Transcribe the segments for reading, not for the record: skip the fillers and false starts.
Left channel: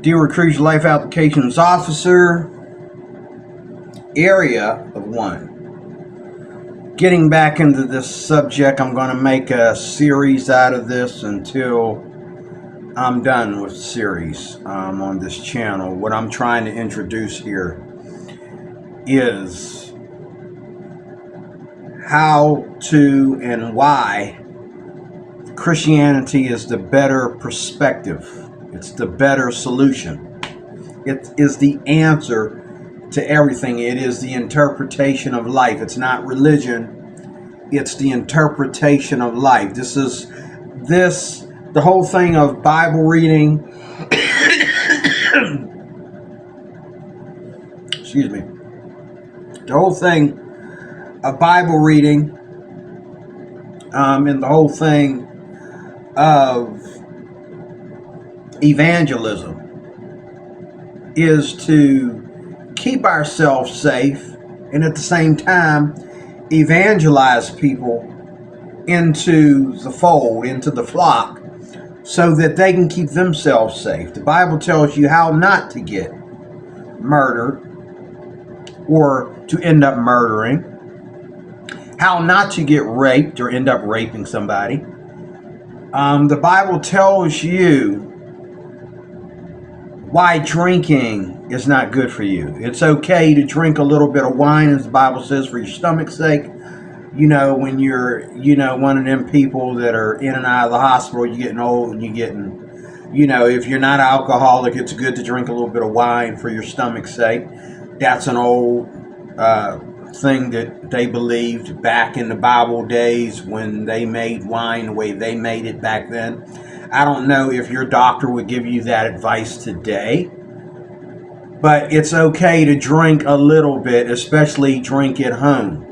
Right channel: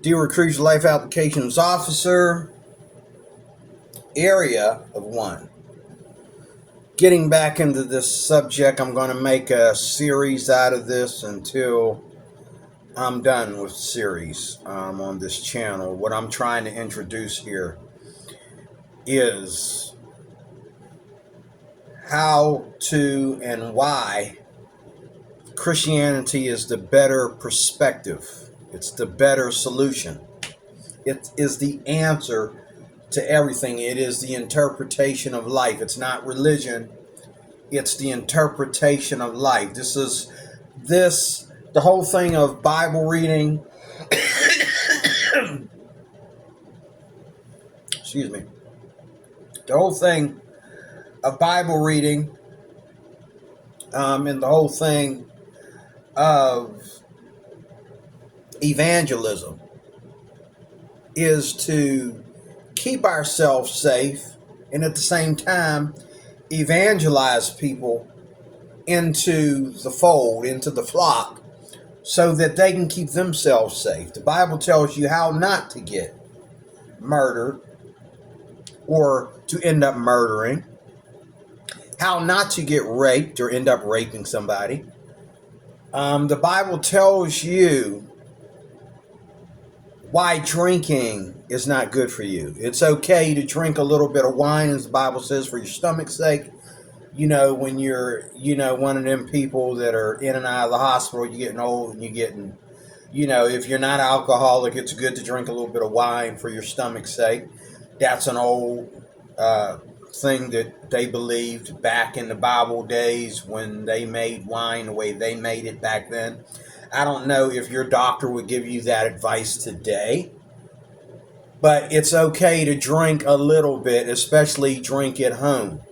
De-recruit life applications officer, area of 1. Getting back into this subject, I'm going to make a series out of this until I'm done with the series on this channel. What I'm trying to introduce here is how to and why Christianity is the better perspective. It's the better solution. It is the answer to everything. It is the interpretation of life. It's not religion. It's the interpretation of life. The whole thing of Bible reading. Excuse me. The whole thing of Bible reading, and the whole thing of evangelism is to keep ourselves safe and at the same time evangelize people into the fold, into the flock, so that they can keep themselves safe. The Bible tells you how not to get murdered or to end up murdering, how not to get raped or end up raping somebody. The Bible tells you why drinking is not good for you. It's okay to drink a little bit of wine, as the Bible says, for your stomach's sake. When you're, one of them people that are in and out of the hospital, you're getting old and you're getting, if you're not alcoholic, it's good to drink a little bit of wine for your stomach's sake. That's an old thing that they believed back in the Bible days when they made wine the way they made it back then. I don't know if your doctor would give you that advice today, but it's okay to drink a little bit, especially drink at home.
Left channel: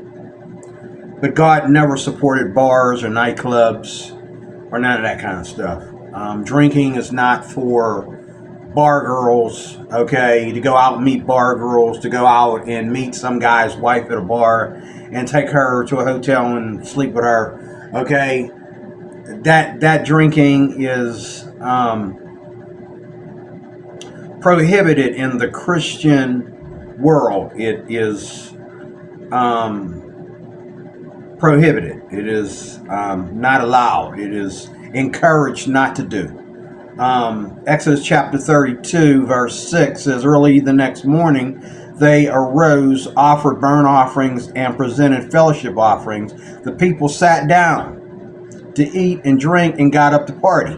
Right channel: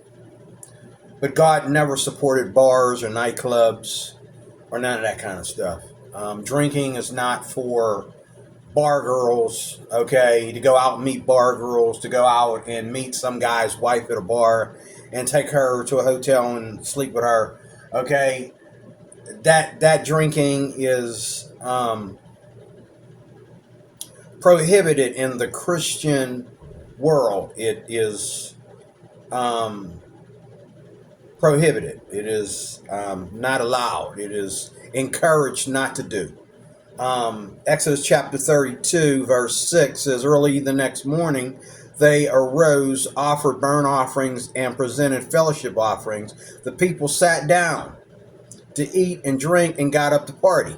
But God never supported bars or nightclubs or none of that kind of stuff. Drinking is not for bar girls, okay, to go out and meet bar girls, to go out and meet some guy's wife at a bar and take her to a hotel and sleep with her, okay. That drinking is prohibited in the Christian world. It is prohibited. It is not allowed. It is encouraged not to do. Exodus chapter 32 verse 6 says, early the next morning they arose, offered burnt offerings, and presented fellowship offerings. The people sat down to eat and drink and got up to party.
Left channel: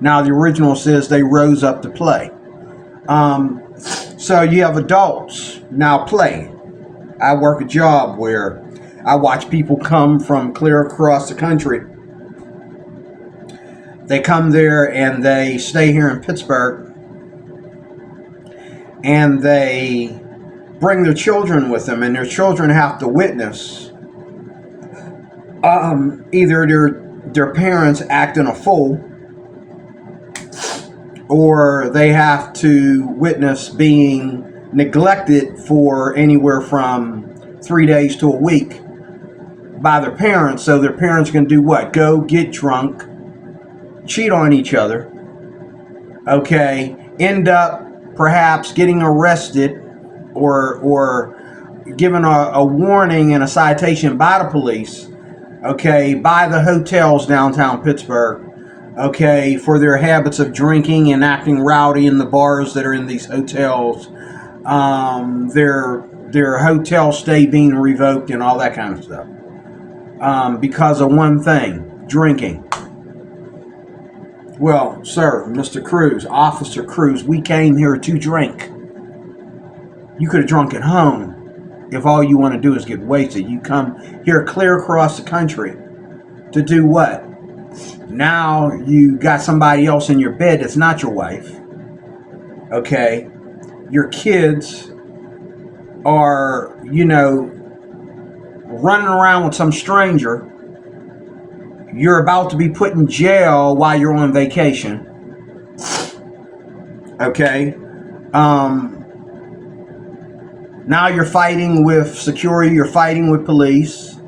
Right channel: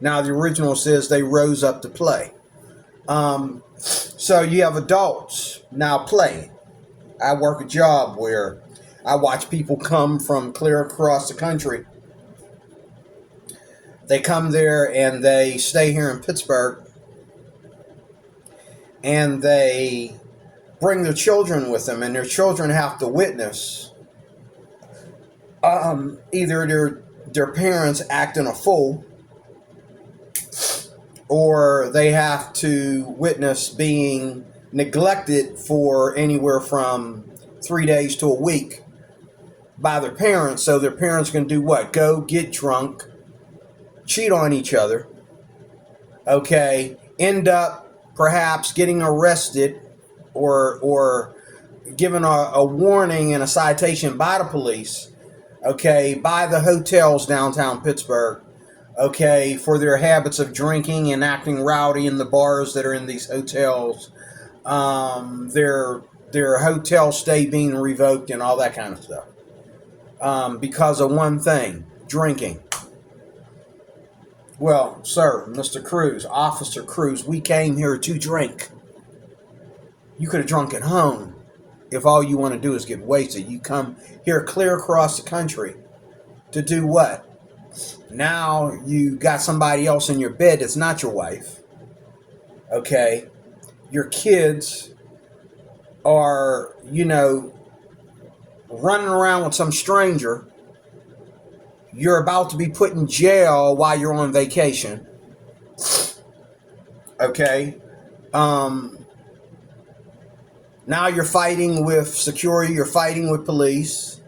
Now the original says they rose up to play. So you have adults now playing. I work a job where I watch people come from clear across the country. They come there and they stay here in Pittsburgh, and they bring their children with them, and their children have to witness either their parents acting a fool, or they have to witness being neglected for anywhere from 3 days to a week by their parents. So their parents can do what? Go get drunk, cheat on each other, okay, end up perhaps getting arrested or given a warning and a citation by the police, okay, by the hotels downtown Pittsburgh, okay, for their habits of drinking and acting rowdy in the bars that are in these hotels, their hotel stay being revoked and all that kind of stuff, because of one thing, drinking. Well, sir, Mr. Cruz, Officer Cruz, we came here to drink. You could have drunk at home if all you want to do is get wasted. You come here clear across the country to do what? Now you got somebody else in your bed that's not your wife. Okay? Your kids are, running around with some stranger. You're about to be put in jail while you're on vacation. Okay? Now you're fighting with security, you're fighting with police.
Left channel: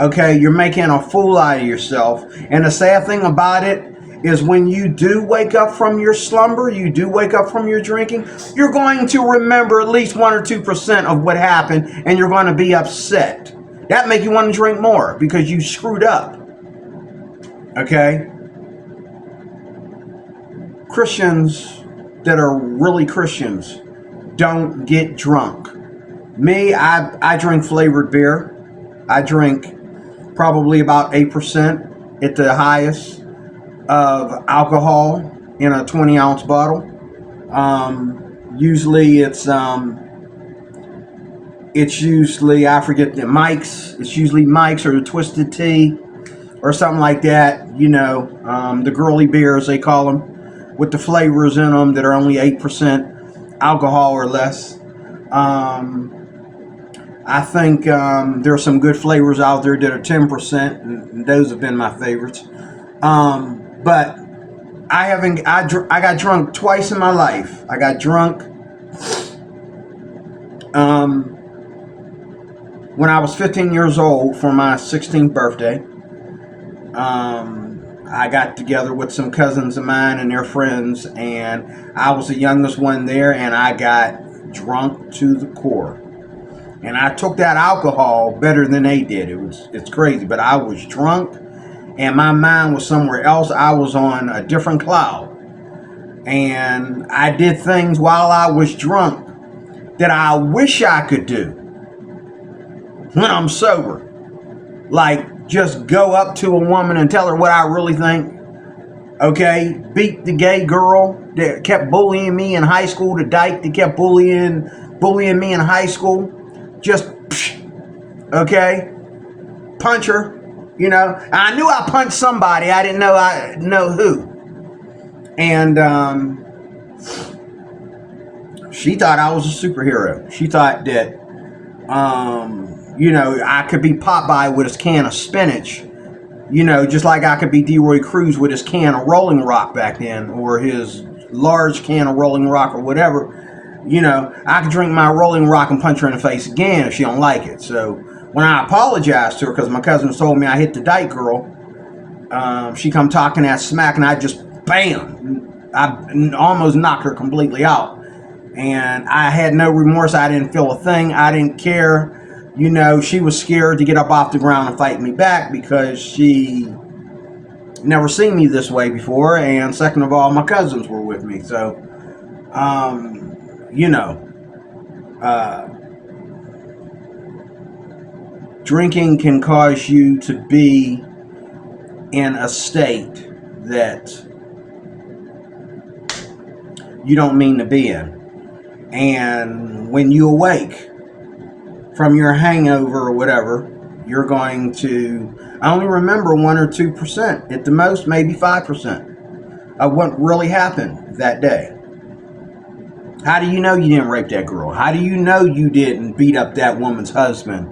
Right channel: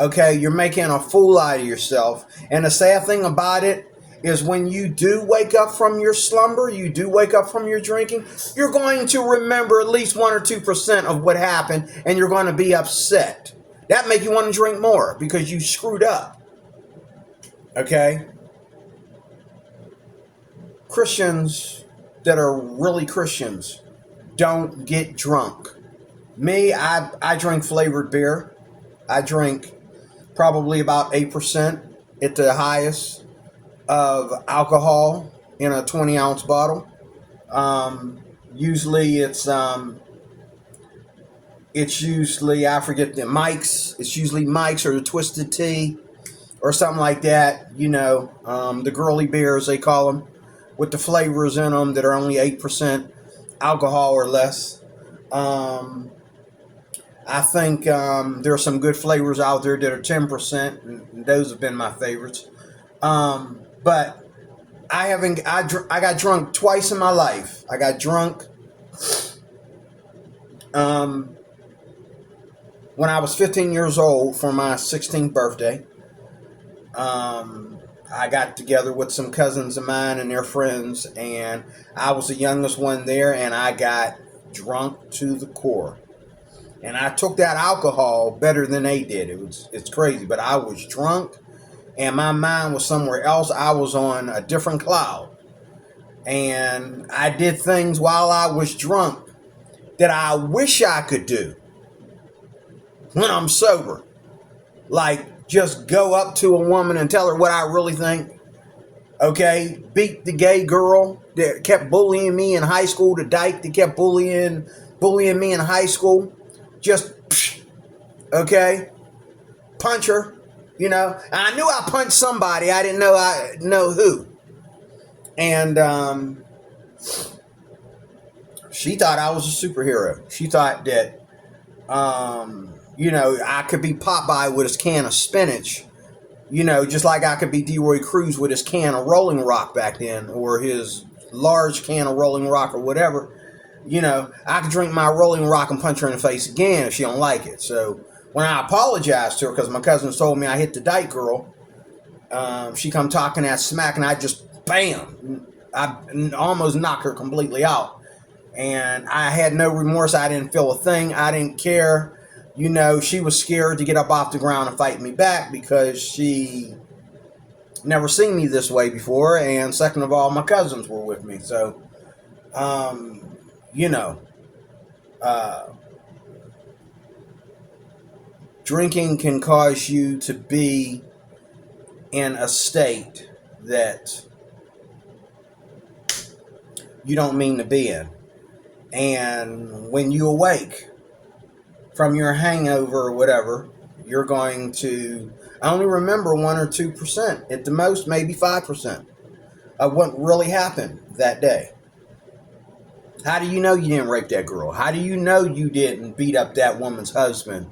Okay, you're making a fool out of yourself. And the sad thing about it is when you do wake up from your slumber, you do wake up from your drinking, you're going to remember at least 1 or 2% of what happened, and you're going to be upset. That make you want to drink more because you screwed up. Okay? Christians that are really Christians don't get drunk. Me, I drink flavored beer. I drink probably about 8% at the highest of alcohol in a 20-ounce bottle. Usually it's usually, I forget the Mike's. It's usually Mike's or the Twisted Tea or something like that. You know, the girly beers they call them, with the flavors in them that are only 8% alcohol or less. I think there are some good flavors out there that are 10%, and those have been my favorites. But I got drunk twice in my life. I got drunk when I was 15 years old for my 16th birthday. I got together with some cousins of mine and their friends, and I was the youngest one there, and I got drunk to the core. And I took that alcohol better than they did. It's crazy, but I was drunk, and my mind was somewhere else. I was on a different cloud, and I did things while I was drunk that I wish I could do when I'm sober. Like, just go up to a woman and tell her what I really think. Okay? Beat the gay girl that kept bullying me in high school, the dyke that kept bullying me in high school. Just, okay? Punch her, you know? I knew I punched somebody. I didn't know who. And she thought I was a superhero. She thought that, you know, I could be Popeye with his can of spinach, you know, just like I could be Leroy Cruz with his can of Rolling Rock back then, or his large can of Rolling Rock or whatever. You know, I could drink my Rolling Rock and punch her in the face again if she don't like it. So when I apologized to her, because my cousins told me I hit the dyke girl, she come talking that smack, and I just, bam, I almost knocked her completely out. And I had no remorse. I didn't feel a thing. I didn't care. You know, she was scared to get up off the ground and fight me back because she never seen me this way before. And second of all, my cousins were with me. So, you know, drinking can cause you to be in a state that you don't mean to be in. And when you awake from your hangover or whatever, you're going to only remember 1 or 2%, at the most maybe 5% of what really happened that day. How do you know you didn't rape that girl? How do you know you didn't beat up that woman's husband?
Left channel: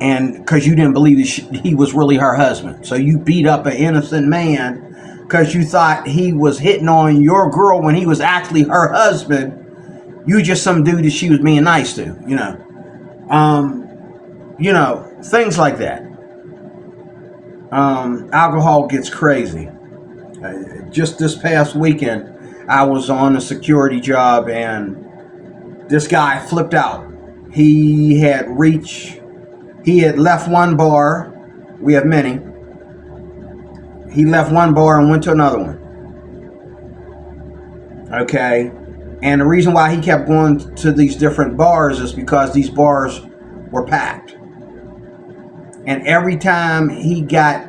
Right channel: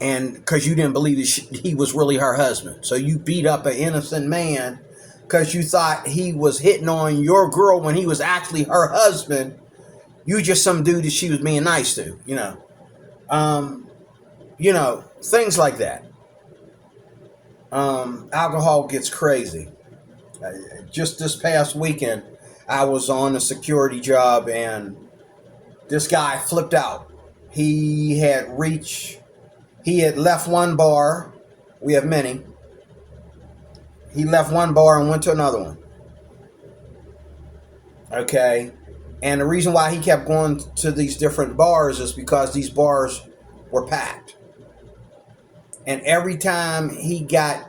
And because you didn't believe that he was really her husband. So you beat up an innocent man because you thought he was hitting on your girl when he was actually her husband. You just some dude that she was being nice to, you know. You know, things like that. Alcohol gets crazy. Just this past weekend, I was on a security job, and this guy flipped out. He had left one bar. We have many. He left one bar and went to another one. Okay? And the reason why he kept going to these different bars is because these bars were packed. And every time he got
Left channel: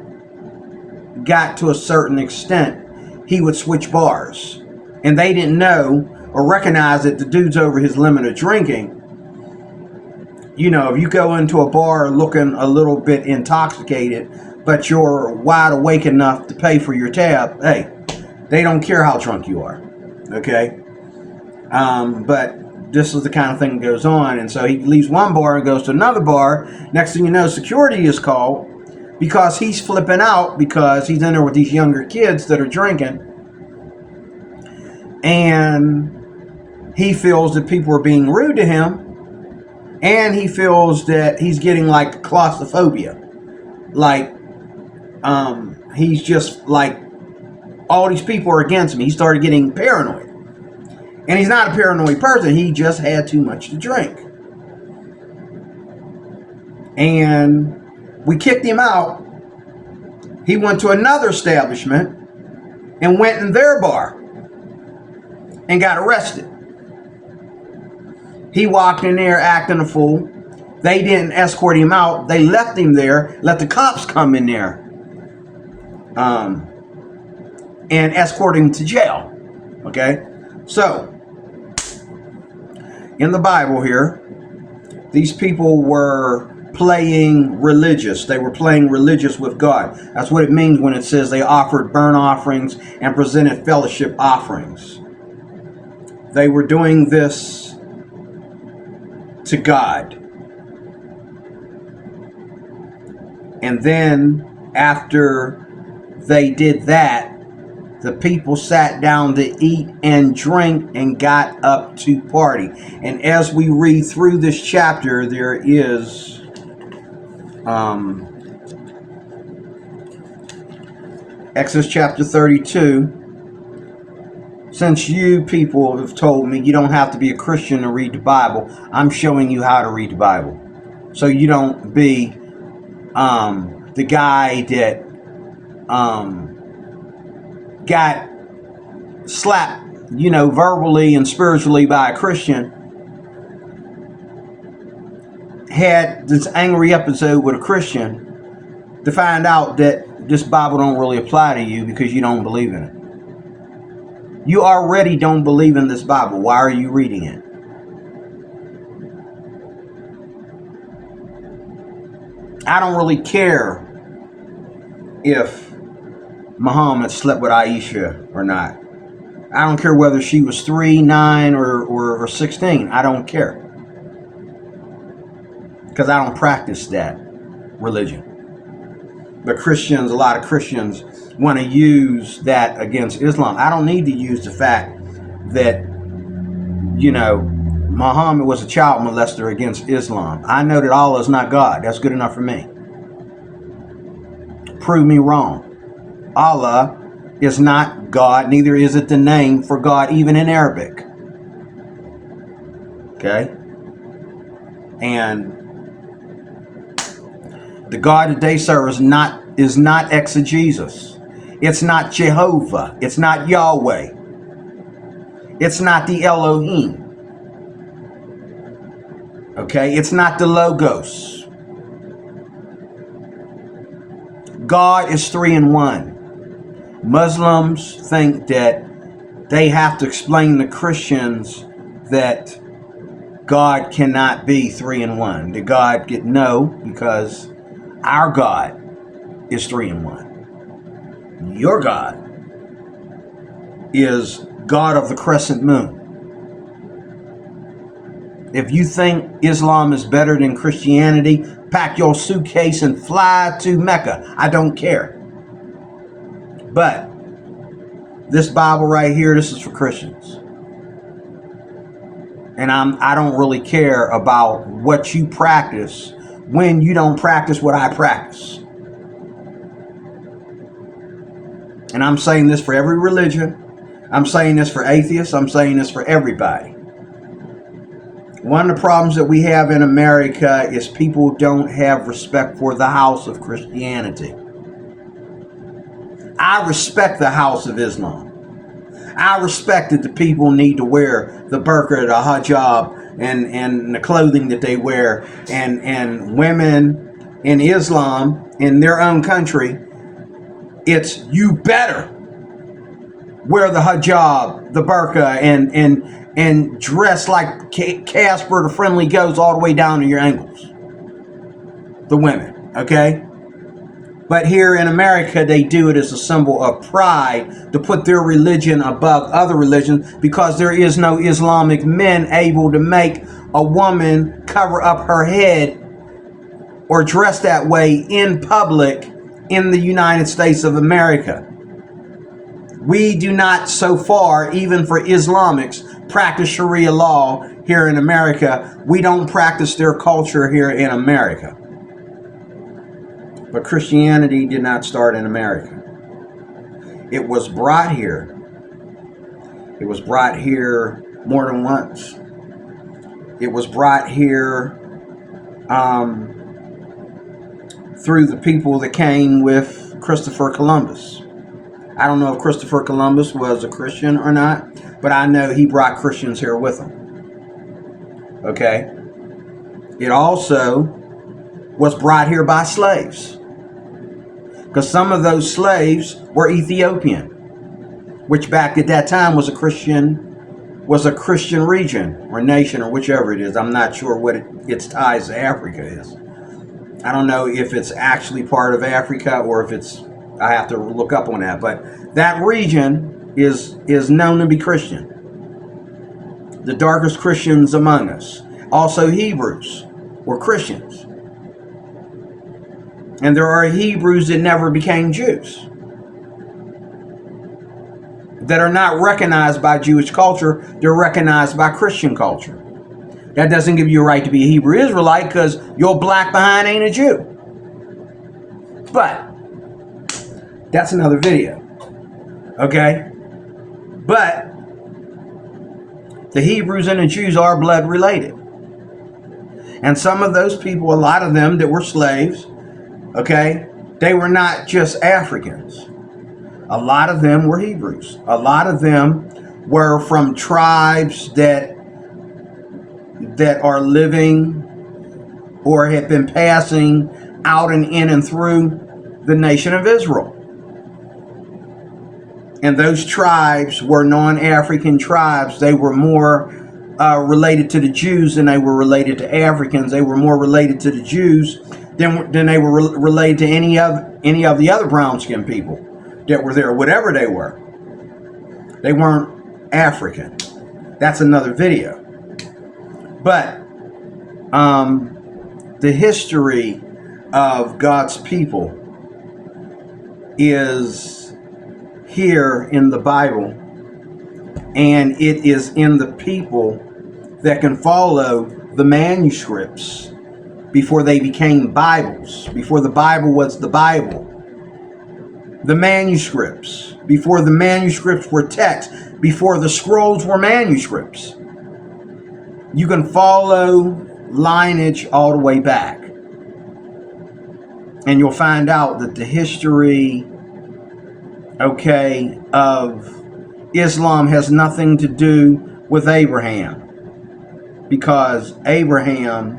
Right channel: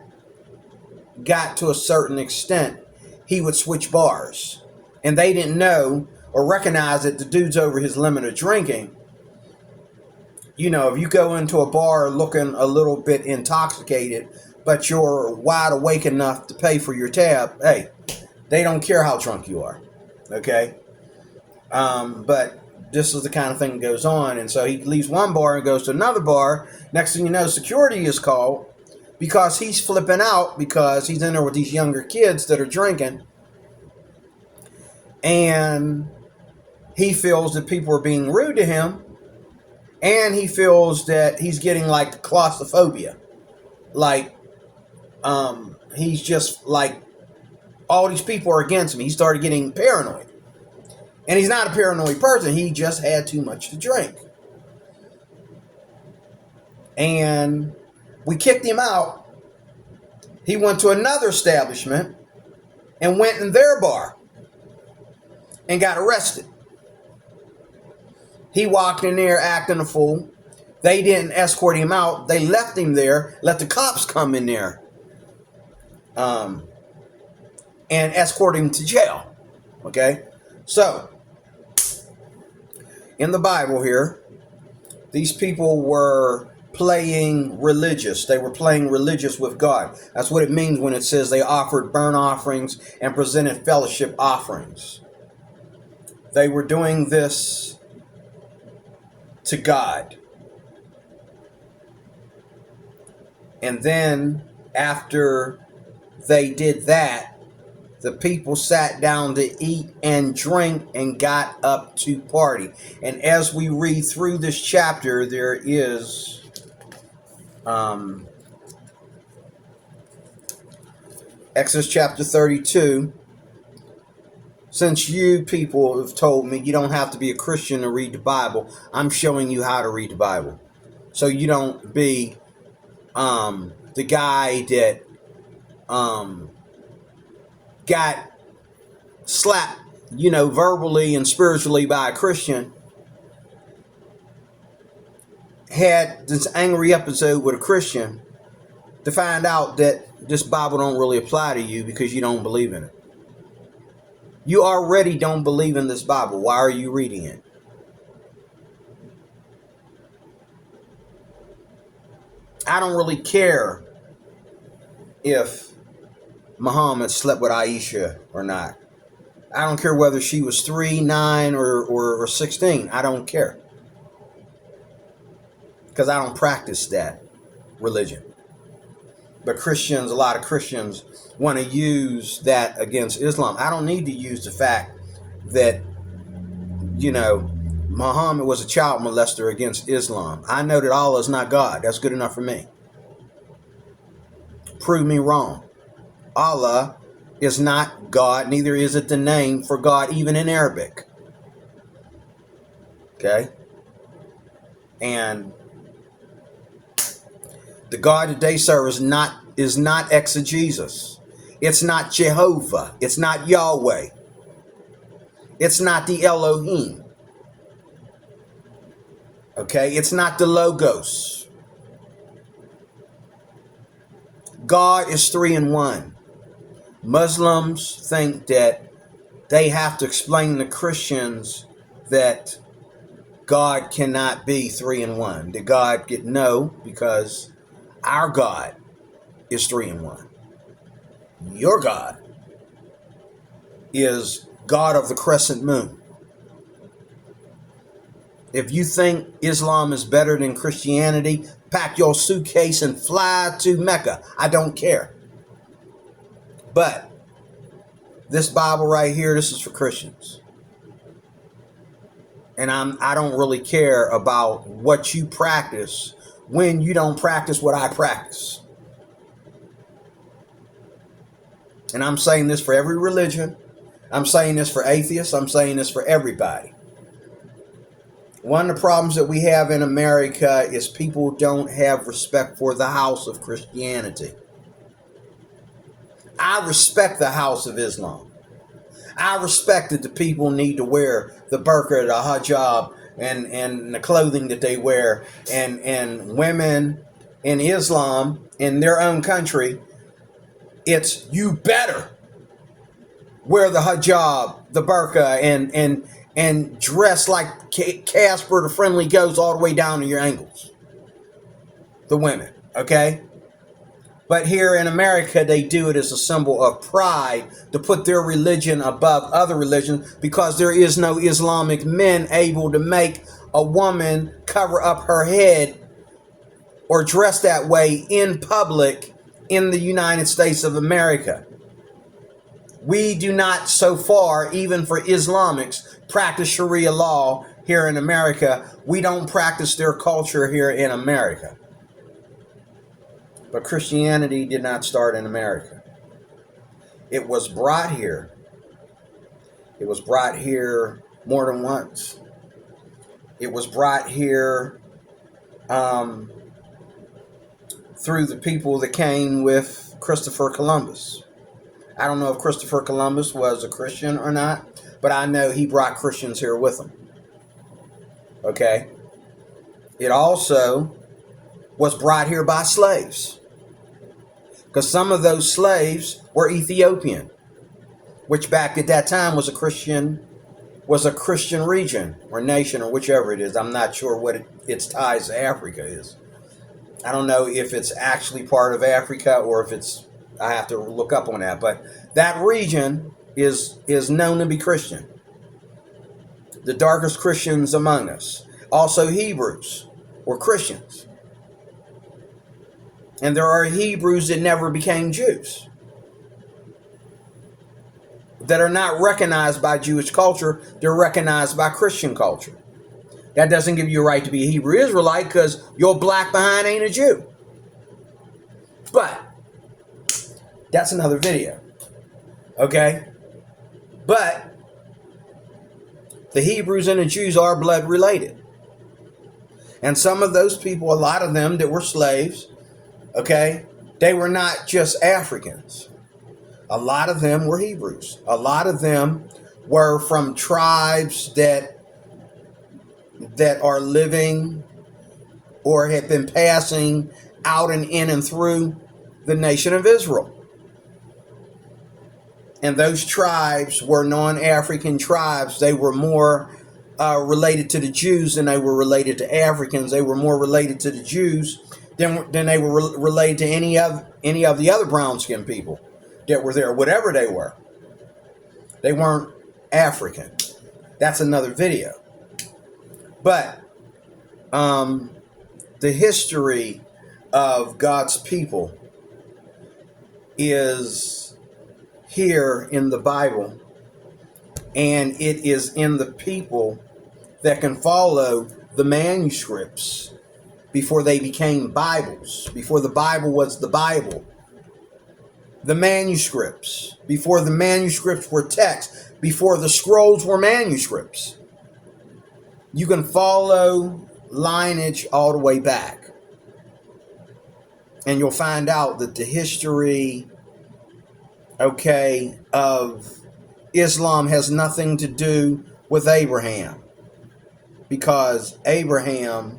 to a certain extent, he would switch bars. And they didn't know or recognize that the dude's over his limit of drinking. You know, if you go into a bar looking a little bit intoxicated, but you're wide awake enough to pay for your tab, hey, they don't care how drunk you are. Okay? But this is the kind of thing that goes on. And so he leaves one bar and goes to another bar. Next thing you know, security is called because he's flipping out because he's in there with these younger kids that are drinking. And he feels that people are being rude to him. And he feels that he's getting like claustrophobia. Like, he's just like All these people are against me. He started getting paranoid. And he's not a paranoid person. He just had too much to drink. And we kicked him out. He went to another establishment and went in their bar and got arrested. He walked in there acting a fool. They didn't escort him out. They left him there, let the cops come in there and escort him to jail. Okay? So, in the Bible here, these people were playing religious. They were playing religious with God. That's what it means when it says they offered burnt offerings and presented fellowship offerings. They were doing this to God. And then after they did that, the people sat down to eat and drink and got up to party. And as we read through this chapter, there is Exodus chapter 32. Since you people have told me you don't have to be a Christian to read the Bible, I'm showing you how to read the Bible. So you don't be the guy that got slapped, verbally and spiritually by a Christian, had this angry episode with a Christian to find out that this Bible don't really apply to you because you don't believe in it. You already don't believe in this Bible. Why are you reading it? I don't really care if Muhammad slept with Aisha or not. I don't care whether she was 3, 9, or 16. I don't care. Because I don't practice that religion. But Christians, a lot of Christians want to use that against Islam. I don't need to use the fact that, Muhammad was a child molester against Islam. I know that Allah is not God. That's good enough for me. Prove me wrong. Allah is not God, neither is it the name for God, even in Arabic. Okay? And the God that they serve is not exegesis. It's not Jehovah. It's not Yahweh. It's not the Elohim. Okay? It's not the Logos. God is 3 in 1. Muslims think that they have to explain to Christians that God cannot be 3 in 1. That God get no, because our God is 3 in 1. Your God is God of the crescent moon. If you think Islam is better than Christianity, pack your suitcase and fly to Mecca. I don't care. But this Bible right here, this is for Christians. And I don't really care about what you practice when you don't practice what I practice. And I'm saying this for every religion. I'm saying this for atheists. I'm saying this for everybody. One of the problems that we have in America is people don't have respect for the house of Christianity. I respect the house of Islam. I respect that the people need to wear the burqa, the hijab, and the clothing that they wear. And women in Islam, in their own country, it's you better wear the hijab, the burqa, and dress like Casper the Friendly Ghost all the way down to your ankles. The women, okay? But here in America, they do it as a symbol of pride to put their religion above other religions, because there is no Islamic men able to make a woman cover up her head or dress that way in public in the United States of America. We do not, so far, even for Islamics, practice Sharia law here in America. We don't practice their culture here in America. But Christianity did not start in America. It was brought here. It was brought here more than once. It was brought here through the people that came with Christopher Columbus. I don't know if Christopher Columbus was a Christian or not, but I know he brought Christians here with him. Okay? It also was brought here by slaves, because some of those slaves were Ethiopian, which back at that time was a Christian region or nation or whichever it is. I'm not sure what its ties to Africa is. I don't know if it's actually part of Africa or if it's, I have to look up on that, but that region is known to be Christian. The darkest Christians among us. Also Hebrews were Christians. And there are Hebrews that never became Jews, that are not recognized by Jewish culture, they're recognized by Christian culture. That doesn't give you a right to be a Hebrew Israelite, because your black behind ain't a Jew. But that's another video. Okay? But the Hebrews and the Jews are blood related. And some of those people, a lot of them that were slaves, okay, they were not just Africans. A lot of them were Hebrews. A lot of them were from tribes that are living or have been passing out and in and through the nation of Israel. And those tribes were non-African tribes. They were more related to the Jews than they were related to Africans. They were more related to the Jews than they were related to any of the other brown-skinned people that were there, whatever they were. They weren't African. That's another video. But the history of God's people is here in the Bible, and it is in the people that can follow the manuscripts before they became Bibles, before the Bible was the Bible. The manuscripts, before the manuscripts were text, before the scrolls were manuscripts. You can follow lineage all the way back, and you'll find out that the history, okay, of Islam has nothing to do with Abraham, because Abraham,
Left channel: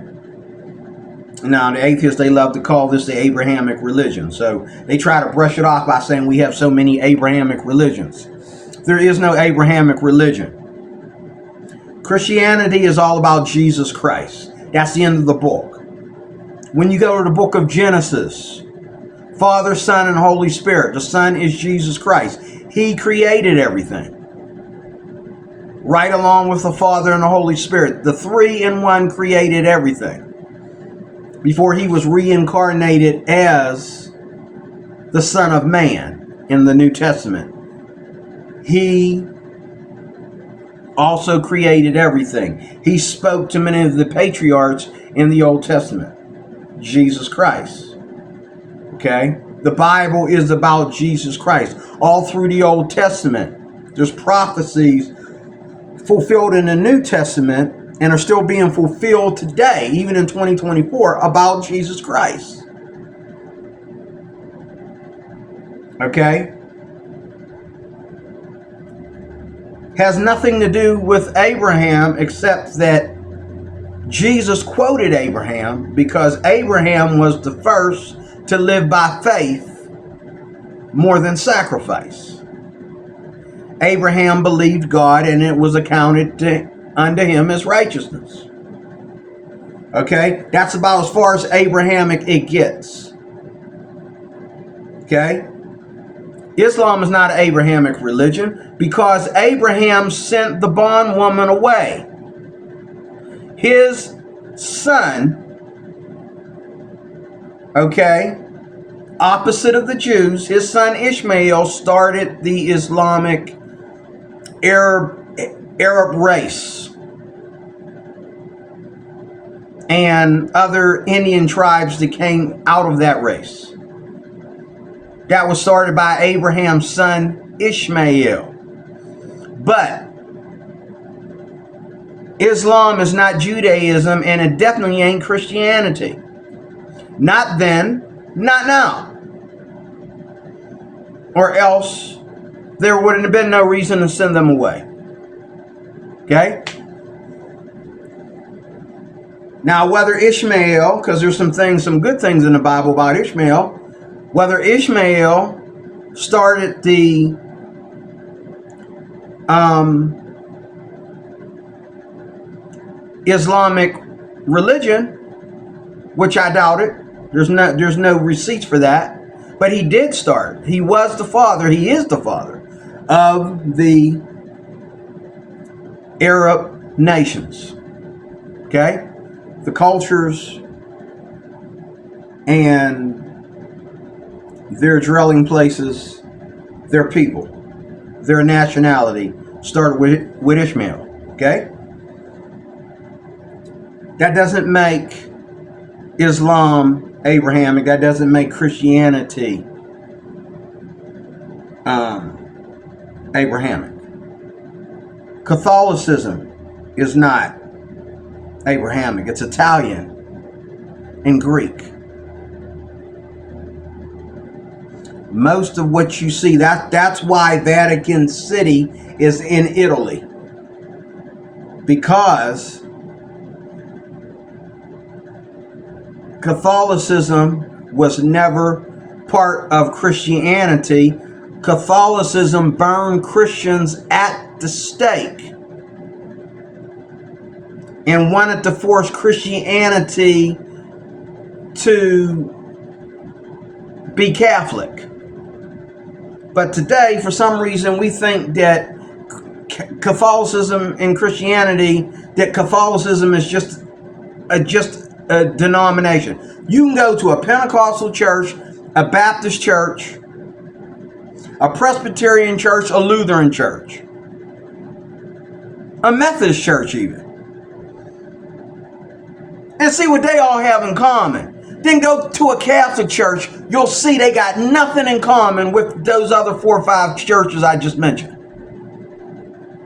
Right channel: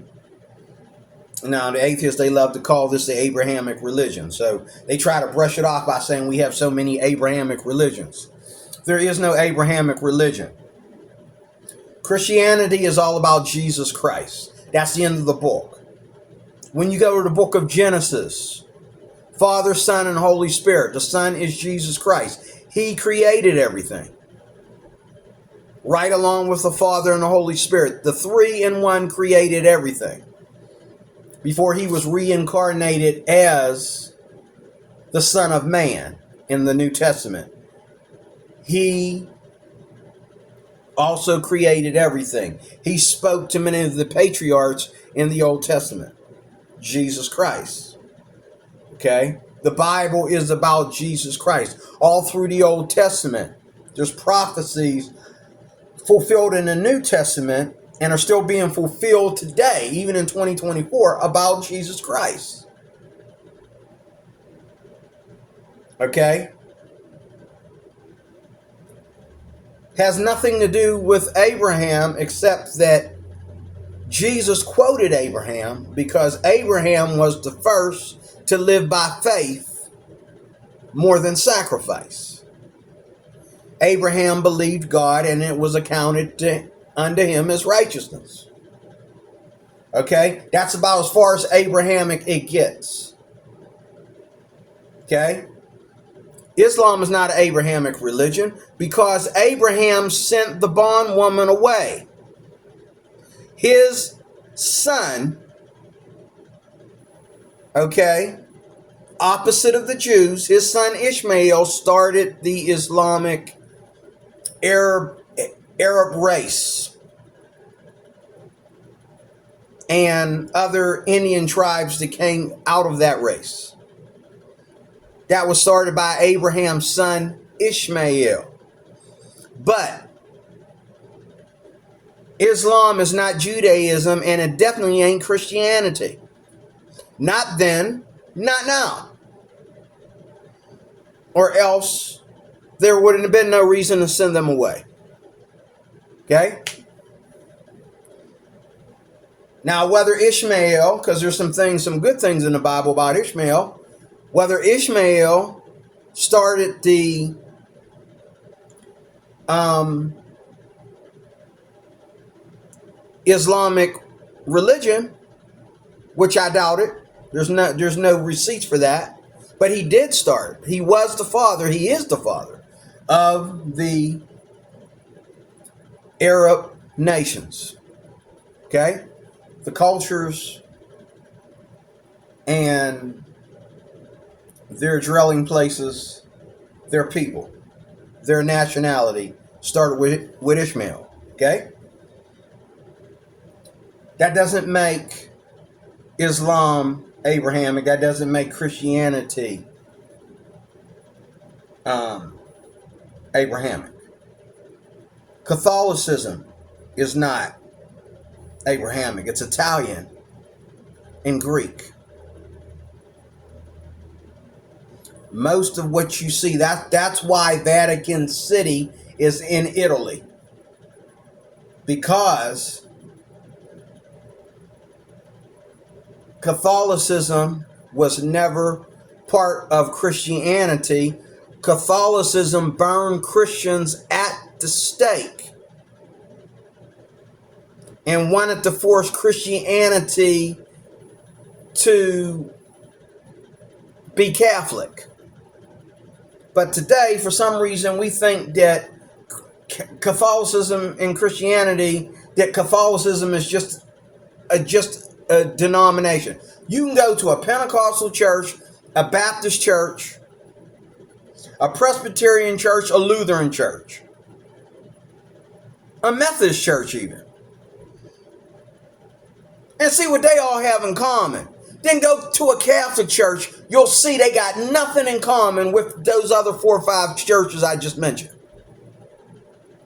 now the atheists, they love to call this the Abrahamic religion, so they try to brush it off by saying we have so many Abrahamic religions. There is no Abrahamic religion. Christianity is all about Jesus Christ. That's the end of the book. When you go to the book of Genesis, Father, Son, and Holy Spirit. The Son is Jesus Christ. He created everything, right along with the Father and the Holy Spirit. The three in one created everything before he was reincarnated as the Son of Man in the New Testament. He also created everything. He spoke to many of the patriarchs in the Old Testament. Jesus Christ. Okay? The Bible is about Jesus Christ. All through the Old Testament, there's prophecies fulfilled in the New Testament and are still being fulfilled today, even in 2024, about Jesus Christ. Okay? Has nothing to do with Abraham, except that Jesus quoted Abraham, because Abraham was the first to live by faith more than sacrifice. Abraham believed God, and it was accounted unto him as righteousness. Okay? That's about as far as Abrahamic it gets. Okay? Islam is not an Abrahamic religion, because Abraham sent the bondwoman away. His son, okay, opposite of the Jews, his son Ishmael started the Islamic Arab race, and other Indian tribes that came out of that race. That was started by Abraham's son Ishmael. But Islam is not Judaism, and it definitely ain't Christianity. Not then, not now. Or else there would have been no reason to send them away. Okay? Now, whether Ishmael, because there's some good things in the Bible about Ishmael, whether Ishmael started the Islamic religion, which I doubt it. There's no receipts for that. But he did start. He was the father. He is the father of the Arab nations. Okay? The cultures and their dwelling places, their people, their nationality started with Ishmael. Okay? That doesn't make Islam Abrahamic. That doesn't make Christianity Abrahamic. Catholicism is not Abrahamic. It's Italian and Greek. Most of what you see, that's why Vatican City is in Italy. Because Catholicism was never part of Christianity. Catholicism burned Christians at the stake and wanted to force Christianity to be Catholic. But today, for some reason, we think that Catholicism and Christianity, that Catholicism is just a denomination. You can go to a Pentecostal church, a Baptist church, a Presbyterian church, a Lutheran church, a Methodist church even, and see what they all have in common. Then go to a Catholic church, you'll see they got nothing in common with those other 4 or 5 churches I just mentioned.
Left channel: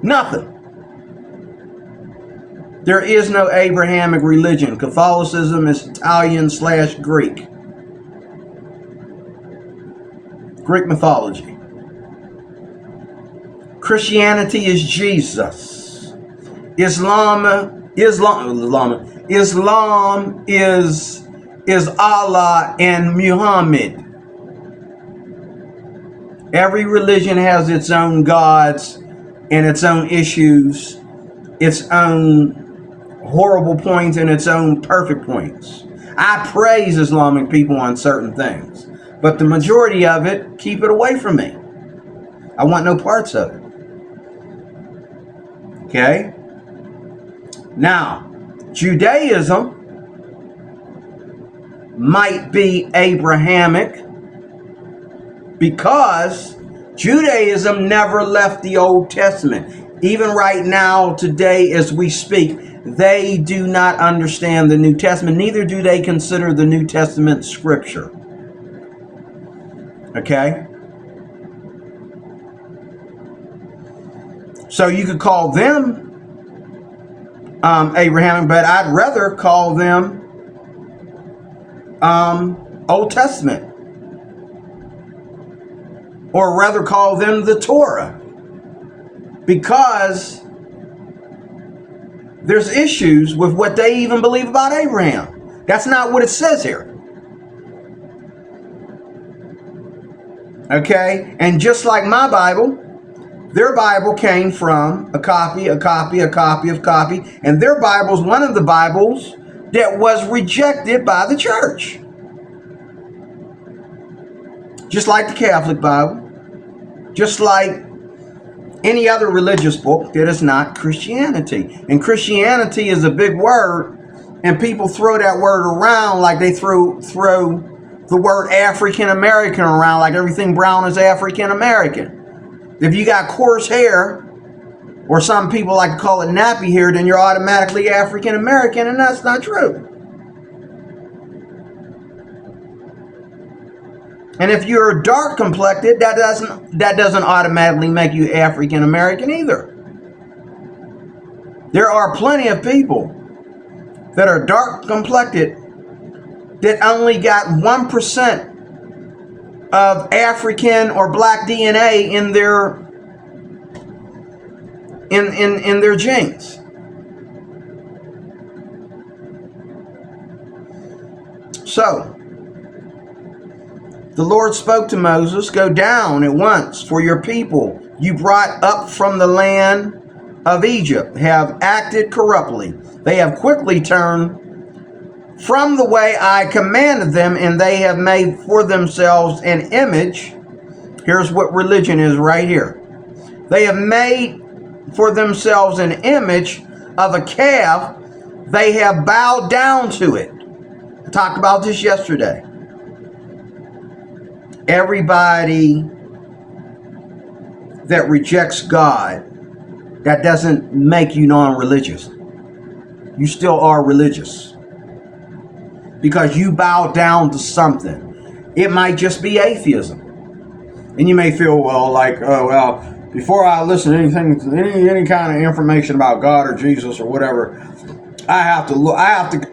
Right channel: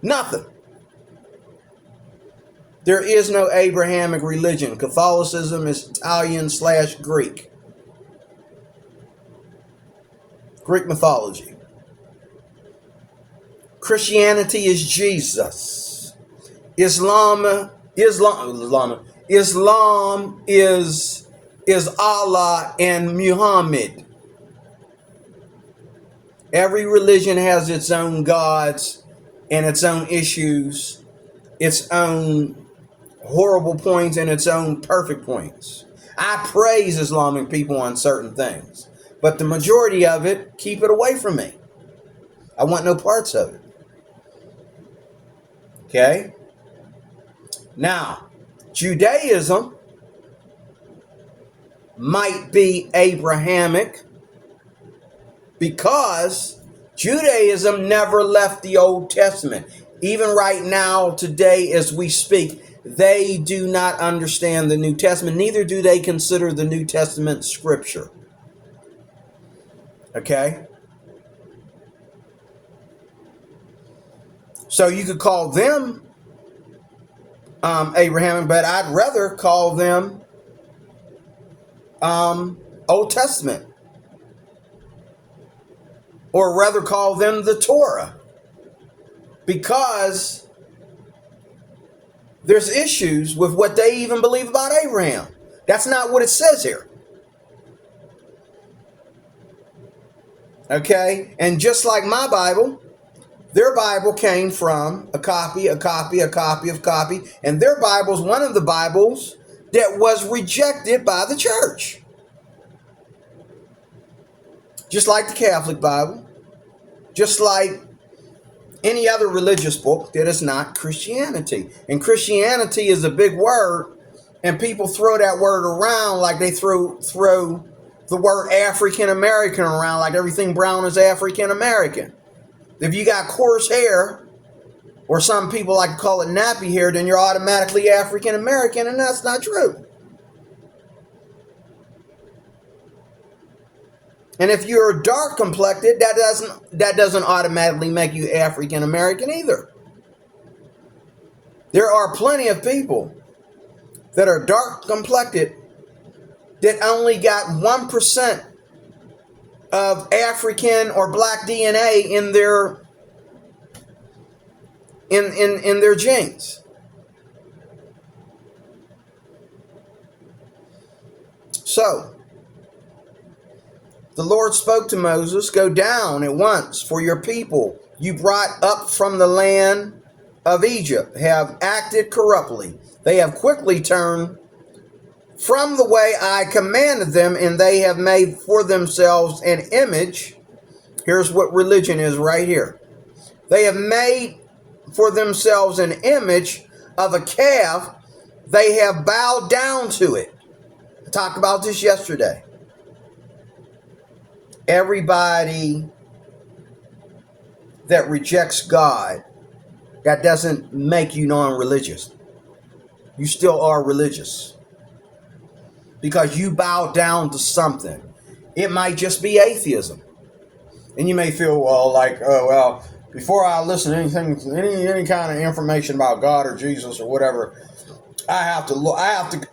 Nothing. There is no Abrahamic religion. Catholicism is Italian/Greek. Greek mythology. Christianity is Jesus. Islam is Allah and Muhammad. Every religion has its own gods and its own issues, its own horrible points and its own perfect points. I praise Islamic people on certain things, but the majority of it, keep it away from me. I want no parts of it. Okay? Now, Judaism might be Abrahamic because Judaism never left the Old Testament. Even right now, today, as we speak, they do not understand the New Testament. Neither do they consider the New Testament scripture. Okay? So you could call them Abrahamic, but I'd rather call them Old Testament, or rather call them the Torah, because there's issues with what they even believe about Abraham. That's not what it says here. Okay? And just like my Bible, their Bible came from a copy, and their Bible is one of the Bibles that was rejected by the church. Just like the Catholic Bible, just like any other religious book that is not Christianity. And Christianity is a big word, and people throw that word around like they throw the word African American around like everything brown is African American. If you got coarse hair, or some people like to call it nappy hair, then you're automatically African American, and that's not true. And if you're dark complected, that doesn't automatically make you African American either. There are plenty of people that are dark complected that only got 1% of African or black DNA in their genes. So the Lord spoke to Moses, "Go down at once, for your people you brought up from the land of Egypt have acted corruptly. They have quickly turned from the way I commanded them, and they have made for themselves an image." Here's what religion is right here. They have made for themselves an image of a calf. They have bowed down to it. I talked about this yesterday. Everybody that rejects God, that doesn't make you non-religious. You still are religious because you bow down to something. It might just be atheism. And you may feel, well, like, oh, well, before I listen to anything, any kind of information about God or Jesus or whatever, I have to look. I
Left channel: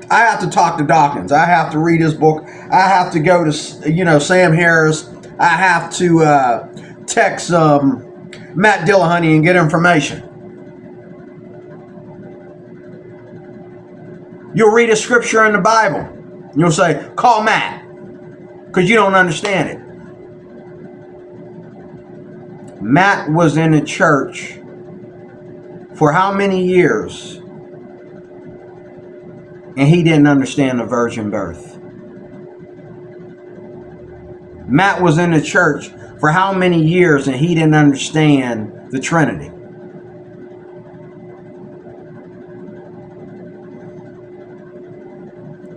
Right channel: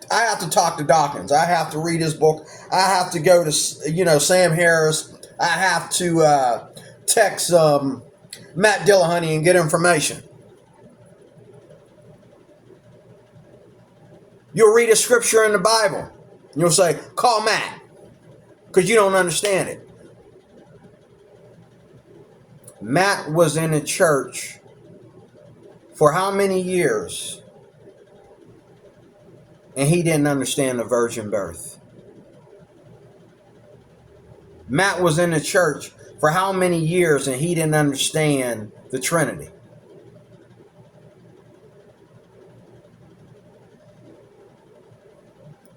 have to talk to Dawkins. I have to read his book. I have to go to Sam Harris. I have to text Matt Dillahunty and get information. You'll read a scripture in the Bible. You'll say, "Call Matt," because you don't understand it. Matt was in the church for how many years? And he didn't understand the virgin birth. Matt was in the church for how many years and he didn't understand the Trinity.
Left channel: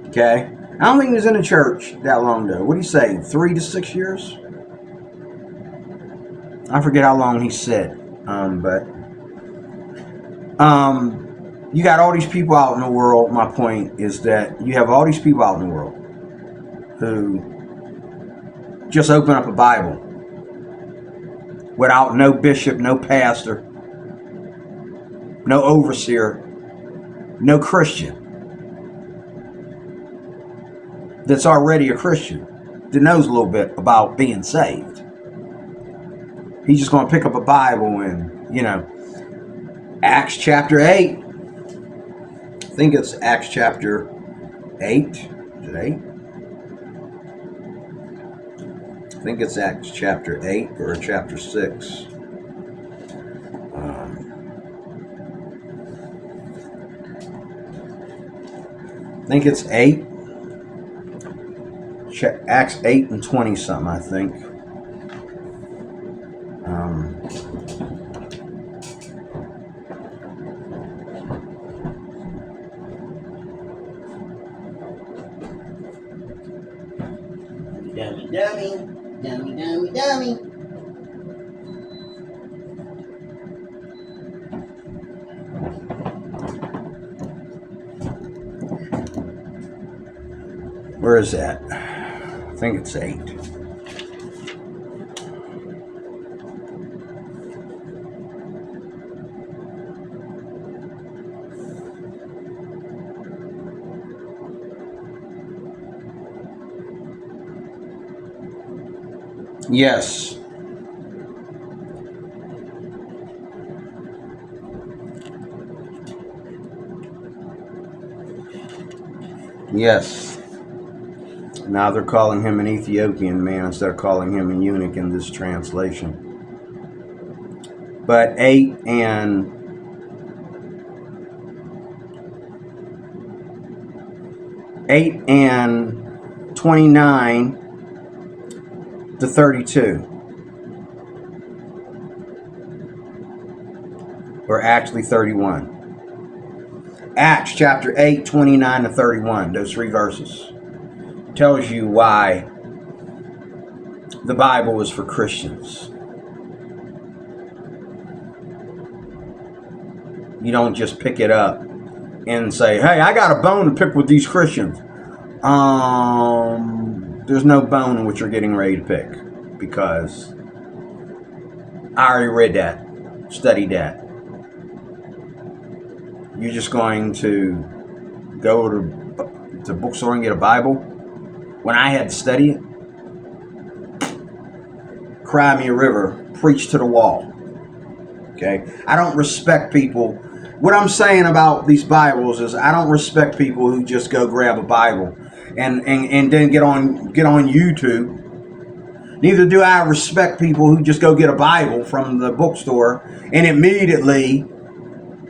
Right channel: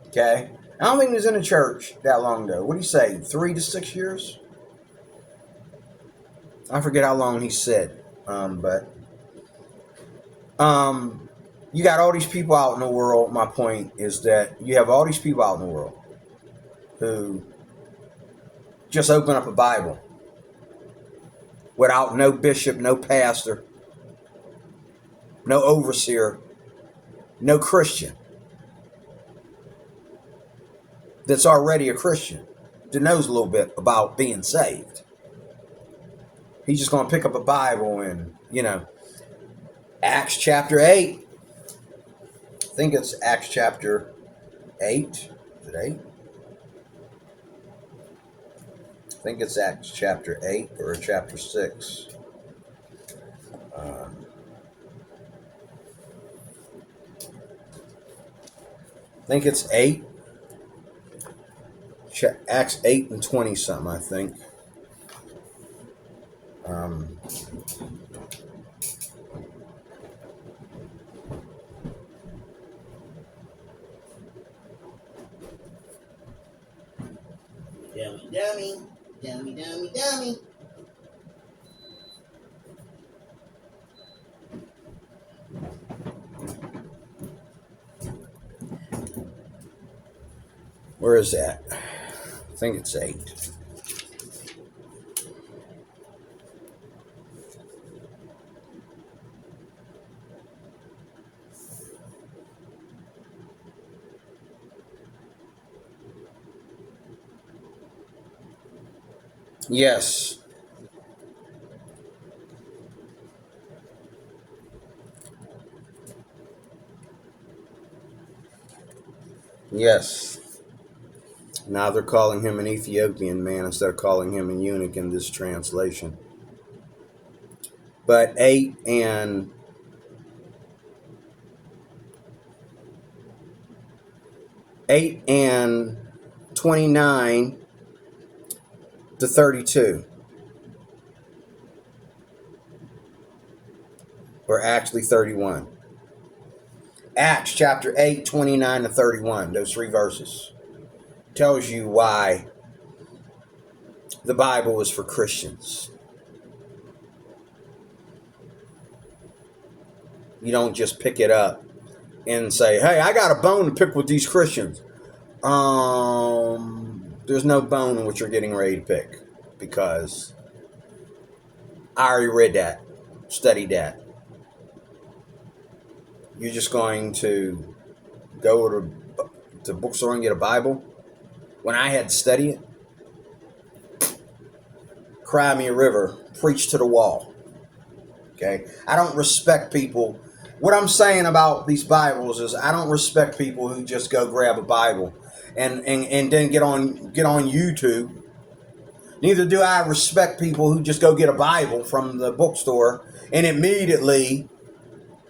Okay? I don't think he was in the church that long ago. What do you say? 3 to 6 years? I forget how long he said. But you got all these people out in the world. My point is that you have all these people out in the world who just open up a Bible without no bishop, no pastor, no overseer, no Christian that's already a Christian that knows a little bit about being saved. He's just going to pick up a Bible and, Acts chapter 8. I think it's Acts chapter 8. Is it 8? I think it's Acts chapter 8 or chapter 6. I think it's 8. Acts 8 and 20 something, I think. Dummy. Where is that? I think it's 8. Yes. Yes. Now they're calling him an Ethiopian man instead of calling him a eunuch in this translation. But 8 and 29 to 32. Or actually 31. Acts chapter 8, 29 to 31. Those 3 verses. Tells you why the Bible is for Christians. You don't just pick it up and say, hey, I got a bone to pick with these Christians. there's no bone in what you're getting ready to pick, because I already read that, studied that. You're just going to go to the bookstore and get a Bible. When I had to study it, cry me a river, preach to the wall. Okay? I don't respect people. What I'm saying about these Bibles is I don't respect people who just go grab a Bible and then get on YouTube. Neither do I respect people who just go get a Bible from the bookstore and immediately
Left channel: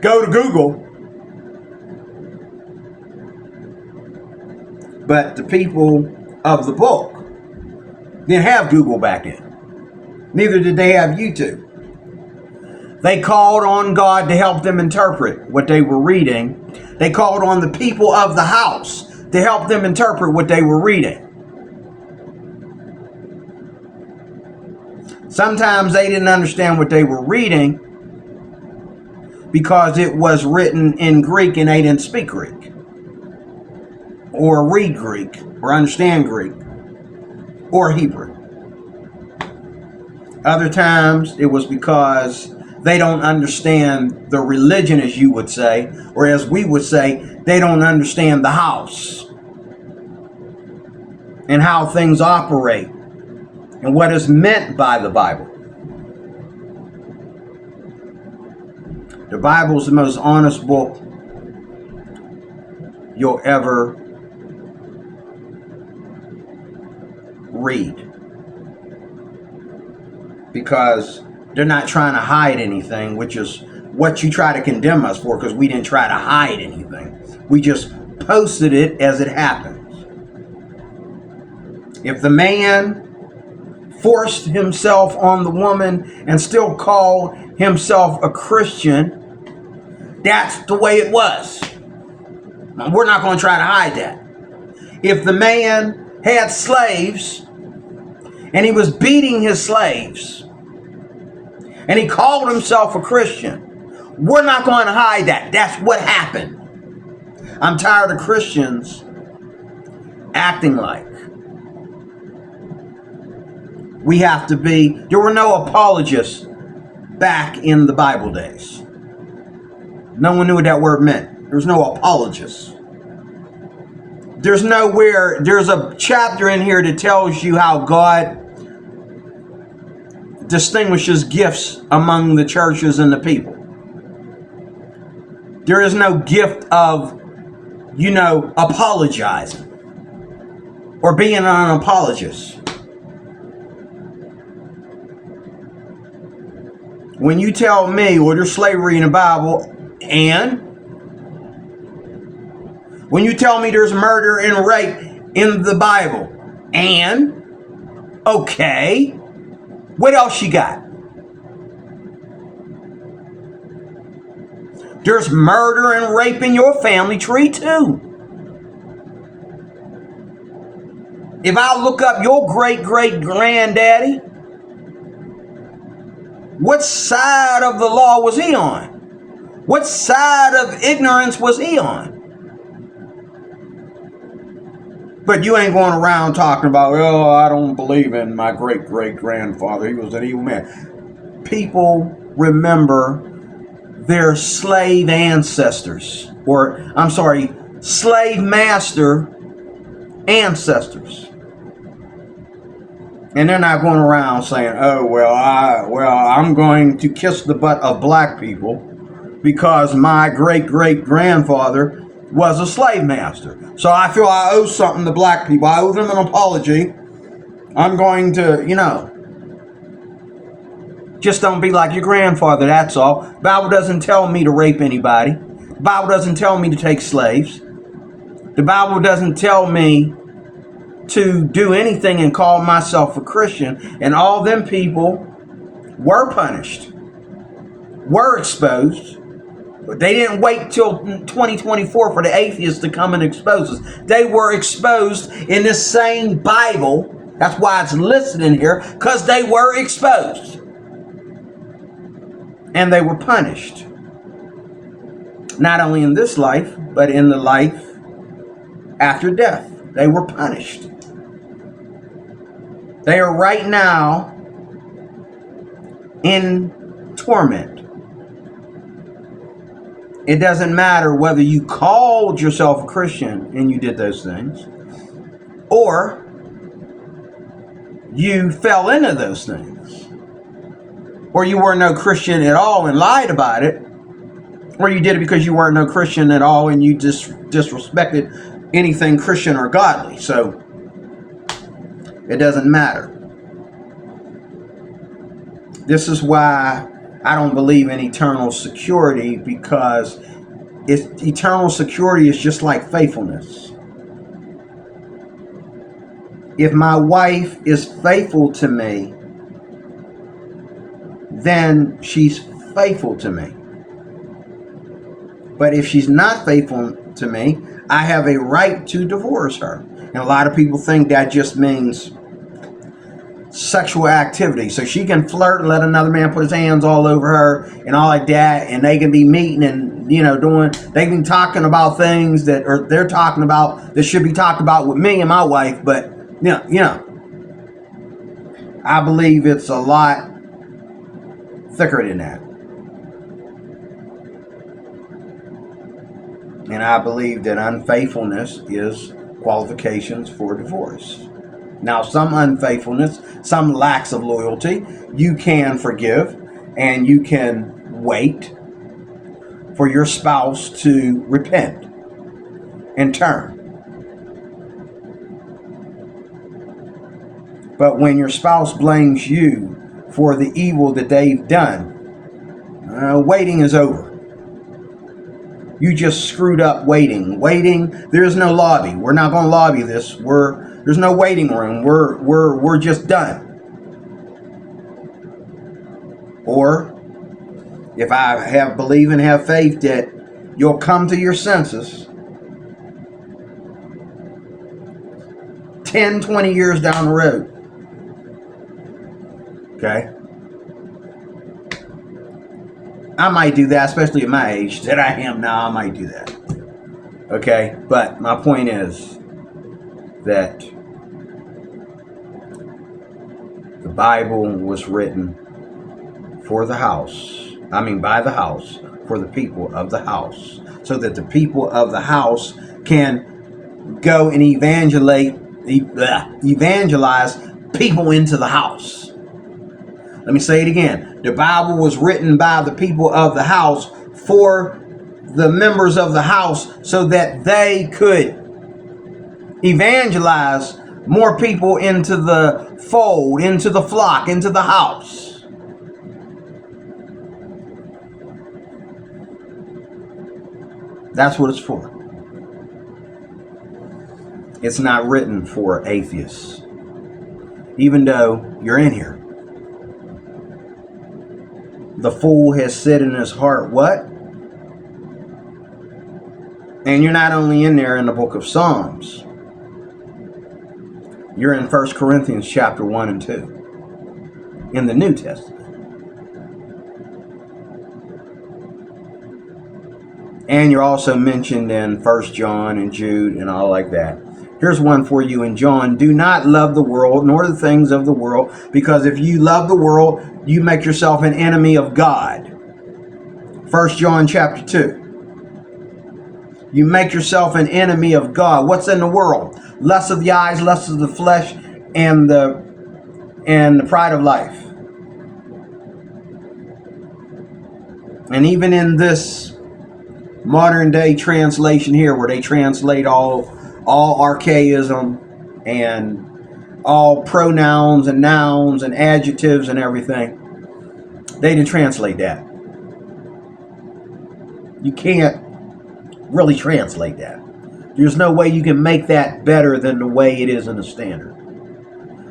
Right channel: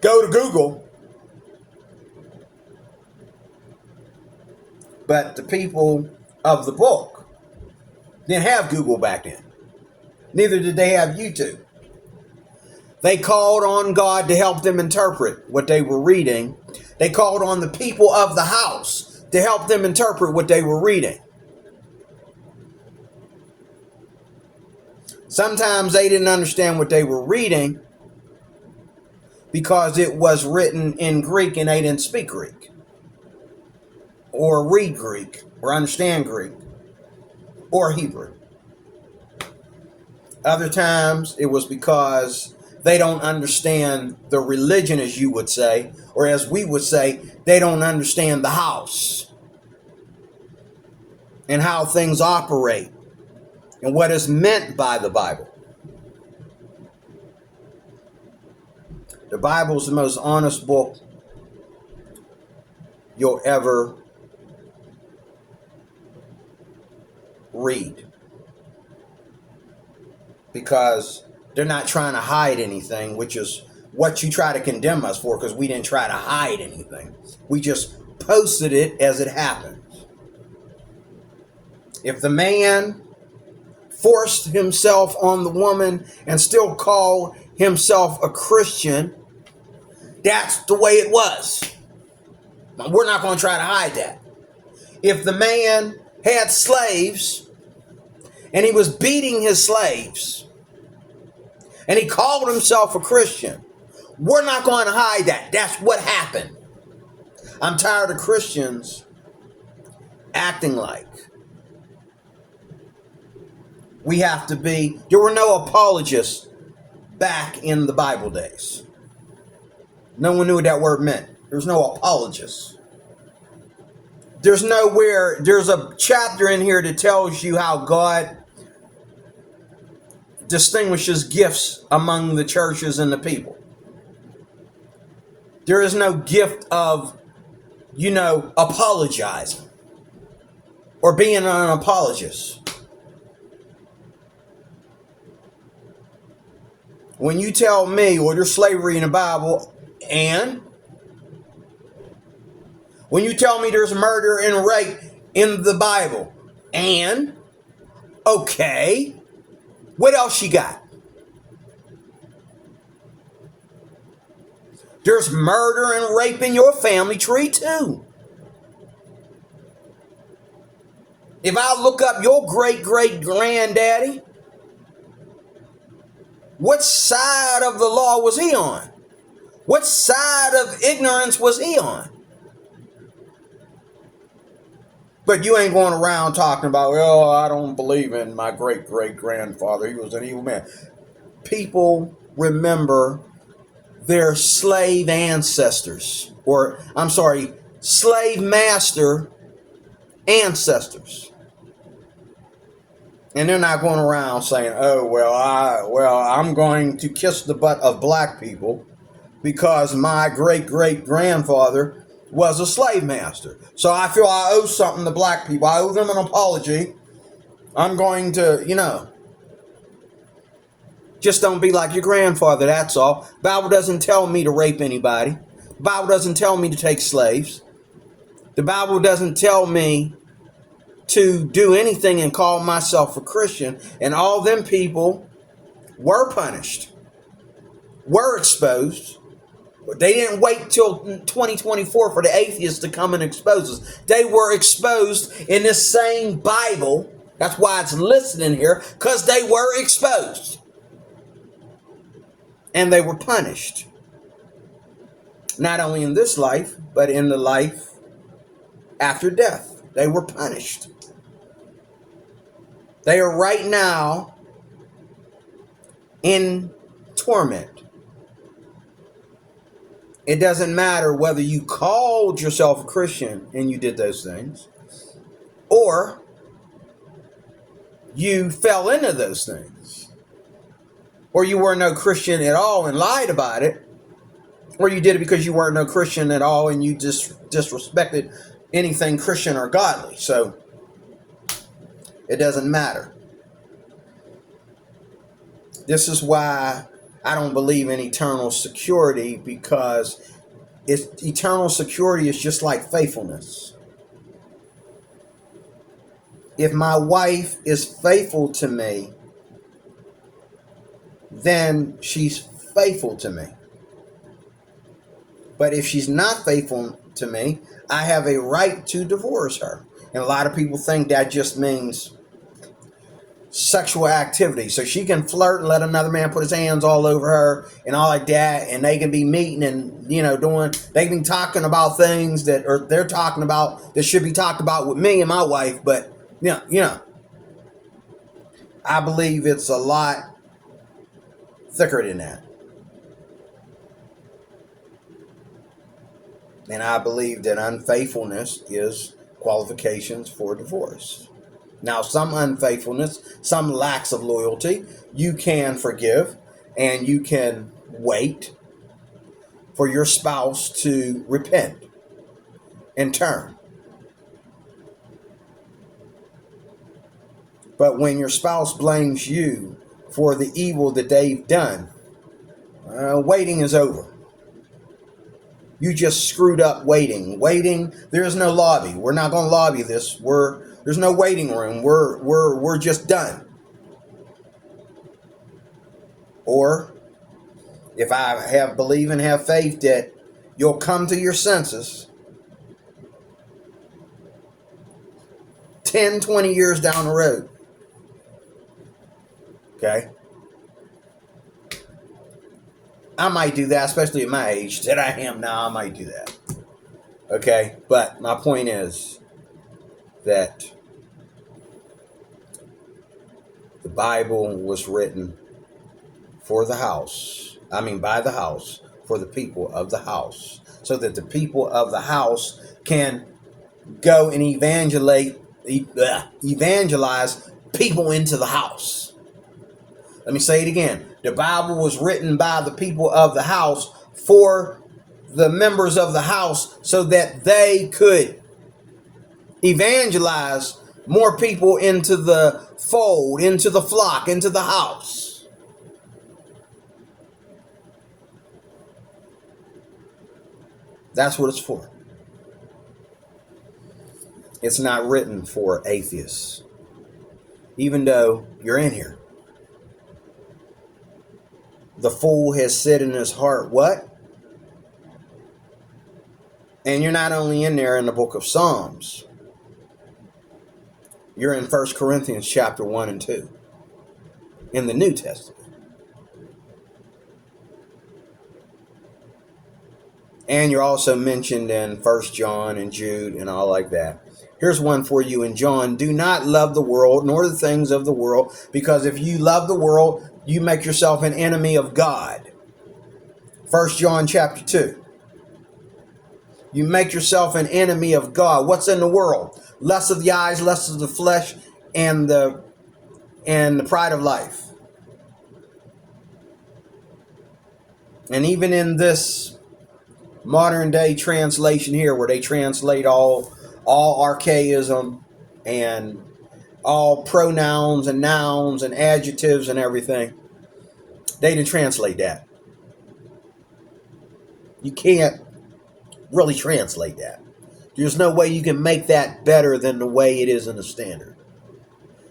go to Google. But the people of the book didn't have Google back then. Neither did they have YouTube. They called on God to help them interpret what they were reading. They called on the people of the house to help them interpret what they were reading. Sometimes they didn't understand what they were reading because it was written in Greek and they didn't speak Greek, or read Greek, or understand Greek, or Hebrew. Other times it was because they don't understand the religion, as you would say, or as we would say, they don't understand the house and how things operate and what is meant by the Bible. The Bible is the most honest book you'll ever read, because they're not trying to hide anything, which is what you try to condemn us for, because we didn't try to hide anything. We just posted it as it happens. If the man forced himself on the woman and still called himself a Christian, that's the way it was. Now, we're not going to try to hide that. If the man had slaves and he was beating his slaves and he called himself a Christian, we're not going to hide that. That's what happened. I'm tired of Christians acting like we have to be. There were no apologists back in the Bible days. No one knew what that word meant. There was no apologists. There's a chapter in here that tells you how God distinguishes gifts among the churches and the people. There is no gift of, apologizing or being an apologist. When you tell me, well, there's slavery in the Bible, and when you tell me there's murder and rape in the Bible, and okay, what else you got? There's murder and rape in your family tree too. If I look up your great-great-granddaddy, what side of the law was he on? What side of ignorance was he on? But you ain't going around talking about, oh, I don't believe in my great-great-grandfather. He was an evil man. People remember their slave ancestors, slave master ancestors. And they're not going around saying, oh, I'm going to kiss the butt of black people because my great-great-grandfather was a slave master. So I feel I owe something to black people. I owe them an apology. I'm going to, just don't be like your grandfather, that's all. The Bible doesn't tell me to rape anybody. The Bible doesn't tell me to take slaves. The Bible doesn't tell me to do anything and call myself a Christian. And all them people were punished, were exposed. But they didn't wait till 2024 for the atheists to come and expose us. They were exposed in this same Bible. That's why it's listed in here, because they were exposed. And they were punished. Not only in this life, but in the life after death. They were punished. They are right now in torment. It doesn't matter whether you called yourself a Christian and you did those things, or you fell into those things, or you were no Christian at all and lied about it, or you did it because you weren't no Christian at all and you just disrespected anything Christian or godly. So it doesn't matter. This is why I don't believe in eternal security, because eternal security is just like faithfulness. If my wife is faithful to me, then she's faithful to me. But if she's not faithful to me, I have a right to divorce her. And a lot of people think that just means sexual activity. So she can flirt and let another man put his hands all over her and all like that, and they can be meeting and, you know, they can be talking about things that they're talking about that should be talked about with me and my wife. But I believe it's a lot thicker than that. And I believe that unfaithfulness is qualifications for divorce. Now, some unfaithfulness, some lacks of loyalty, you can forgive, and you can wait for your spouse to repent and turn. But when your spouse blames you for the evil that they've done, waiting is over. You just screwed up waiting. There is no lobby. We're not going to lobby this. There's no waiting room. We're just done. Or if I believe and have faith that you'll come to your senses 10, 20 years down the road. Okay? I might do that, especially at my age that I am now. I might do that. Okay? But my point is that the Bible was written for the house. By the house, for the people of the house. So that the people of the house can go and evangelize people into the house. Let me say it again. The Bible was written by the people of the house for the members of the house so that they could evangelize more people into the fold, into the flock, into the house. That's what it's for. It's not written for atheists, even though you're in here. The fool has said in his heart, what? And you're not only in there in the book of Psalms. You're in 1 Corinthians chapter 1 and 2. In the New Testament. And you're also mentioned in 1 John and Jude and all like that. Here's one for you in John. Do not love the world, nor the things of the world, because if you love the world, you make yourself an enemy of God. 1 John chapter 2. You make yourself an enemy of God. What's in the world? Lust of the eyes, lust of the flesh, and the pride of life. And even in this modern day translation here, where they translate all archaism and all pronouns and nouns and adjectives and everything, they didn't translate that. You can't really translate that. There's no way you can make that better than the way it is in the standard.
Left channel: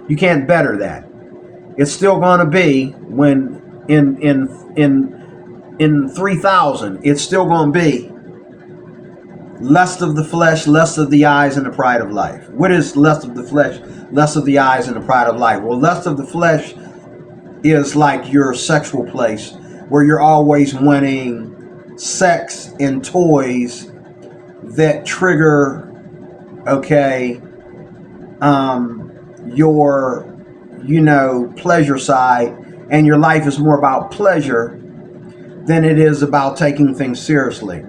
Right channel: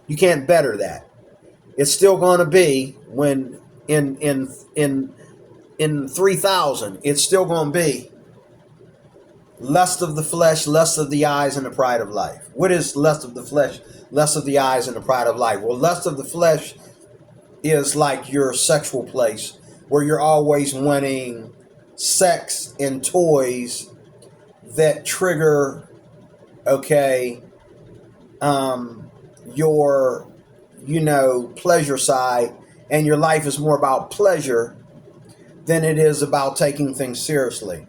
You can't better that. It's still going to be, when in 3000, it's still going to be lust of the flesh, lust of the eyes, and the pride of life. What is lust of the flesh, lust of the eyes, and the pride of life? Well, lust of the flesh is like your sexual place, where you're always wanting sex and toys that trigger, pleasure side, and your life is more about pleasure than it is about taking things seriously.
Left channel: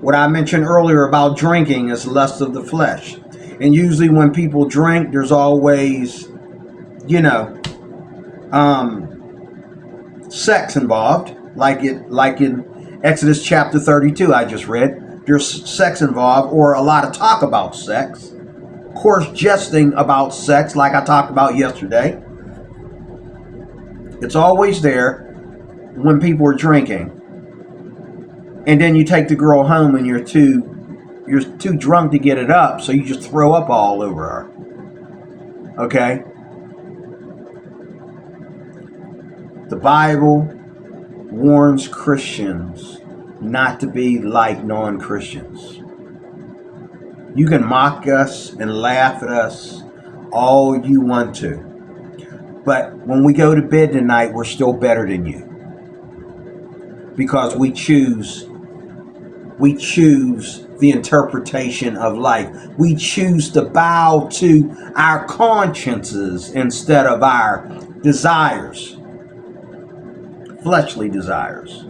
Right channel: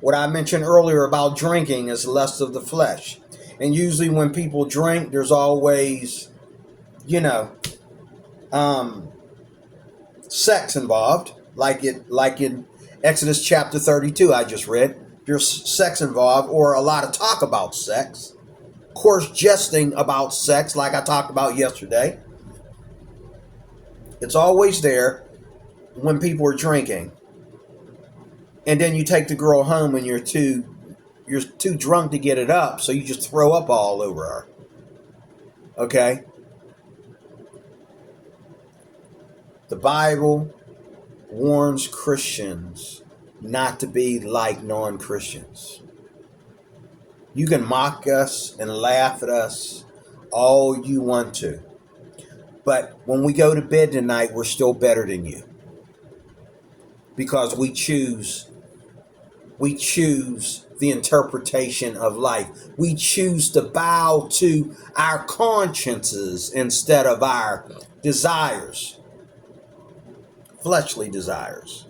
What I mentioned earlier about drinking is lust of the flesh. And usually when people drink, there's always, sex involved, like in Exodus chapter 32 I just read. There's sex involved, or a lot of talk about sex. Of course, jesting about sex, like I talked about yesterday. It's always there when people are drinking. And then you take the girl home and you're too drunk to get it up, so you just throw up all over her. Okay? The Bible warns Christians not to be like non-Christians. You can mock us and laugh at us all you want to. But when we go to bed tonight, we're still better than you. Because we choose the interpretation of life. We choose to bow to our consciences instead of our desires, fleshly desires.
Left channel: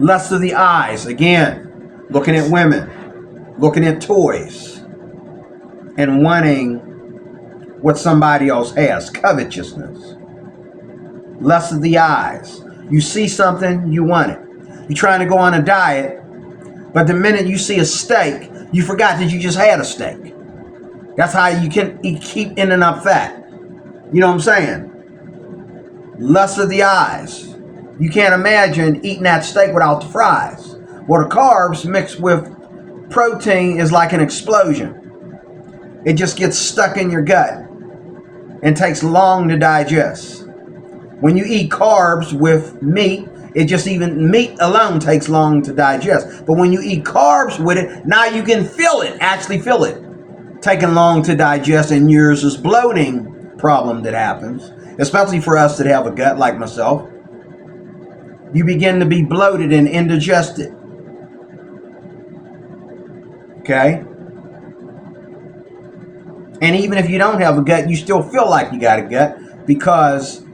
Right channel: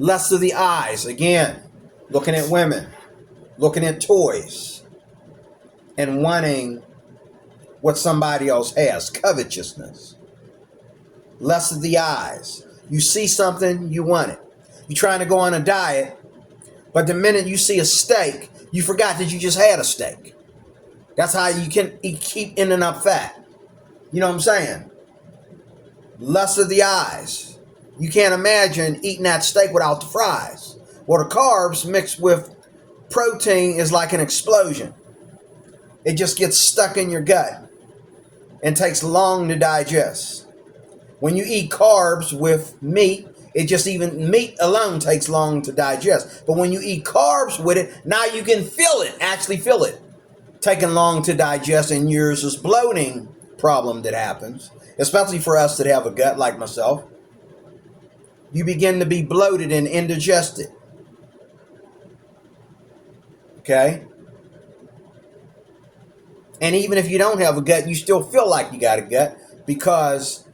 Lust of the eyes, again, looking at women, looking at toys, and wanting what somebody else has, covetousness. Lust of the eyes. You see something, you want it. You're trying to go on a diet, but the minute you see a steak, you forgot that you just had a steak. That's how you can keep ending up fat. You know what I'm saying? Lust of the eyes. You can't imagine eating that steak without the fries. Well, the carbs mixed with protein is like an explosion. It just gets stuck in your gut and takes long to digest. When you eat carbs with meat, even meat alone takes long to digest. But when you eat carbs with it, now you can actually feel it, taking long to digest, and yours is bloating problem that happens, especially for us that have a gut like myself. You begin to be bloated and indigested. Okay? And even if you don't have a gut, you still feel like you got a gut because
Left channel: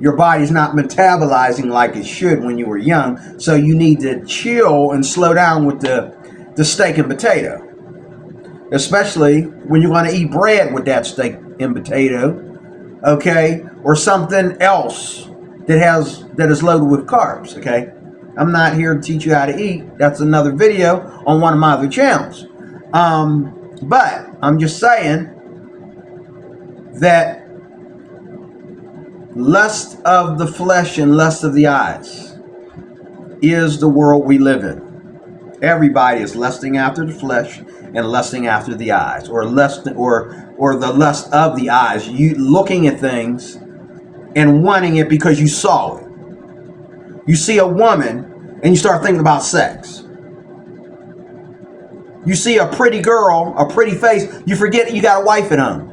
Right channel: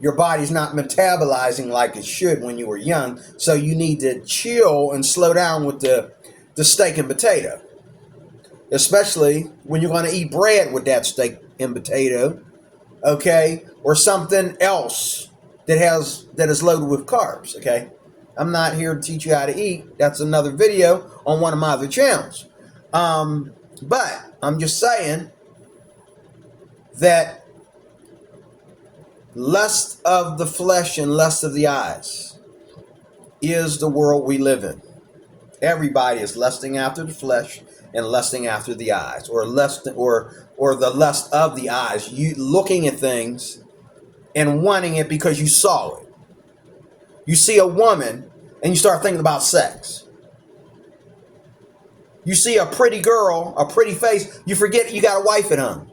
your body's not metabolizing like it should when you were young. So you need to chill and slow down with the steak and potato. Especially when you're going to eat bread with that steak and potato. Okay? Or something else that is loaded with carbs. Okay? I'm not here to teach you how to eat. That's another video on one of my other channels. But I'm just saying that lust of the flesh and lust of the eyes is the world we live in. Everybody is lusting after the flesh and lusting after the eyes, or the lust of the eyes. You looking at things and wanting it because you saw it. You see a woman and you start thinking about sex. You see a pretty girl, a pretty face, you forget you got a wife at home.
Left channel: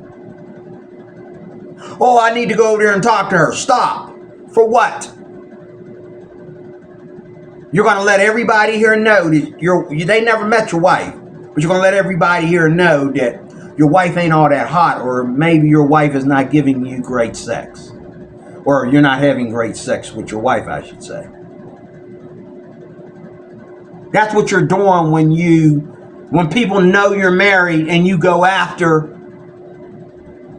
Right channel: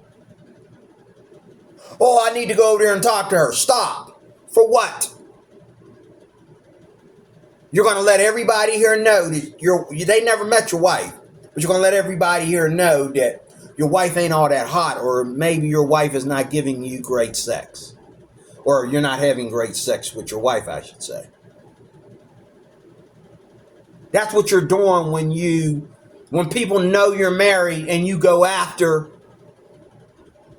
Oh, I need to go over there and talk to her. Stop. For what? You're going to let everybody here know that they never met your wife, but you're going to let everybody here know that your wife ain't all that hot, or maybe your wife is not giving you great sex, or you're not having great sex with your wife, I should say. That's what you're doing when people know you're married and you go after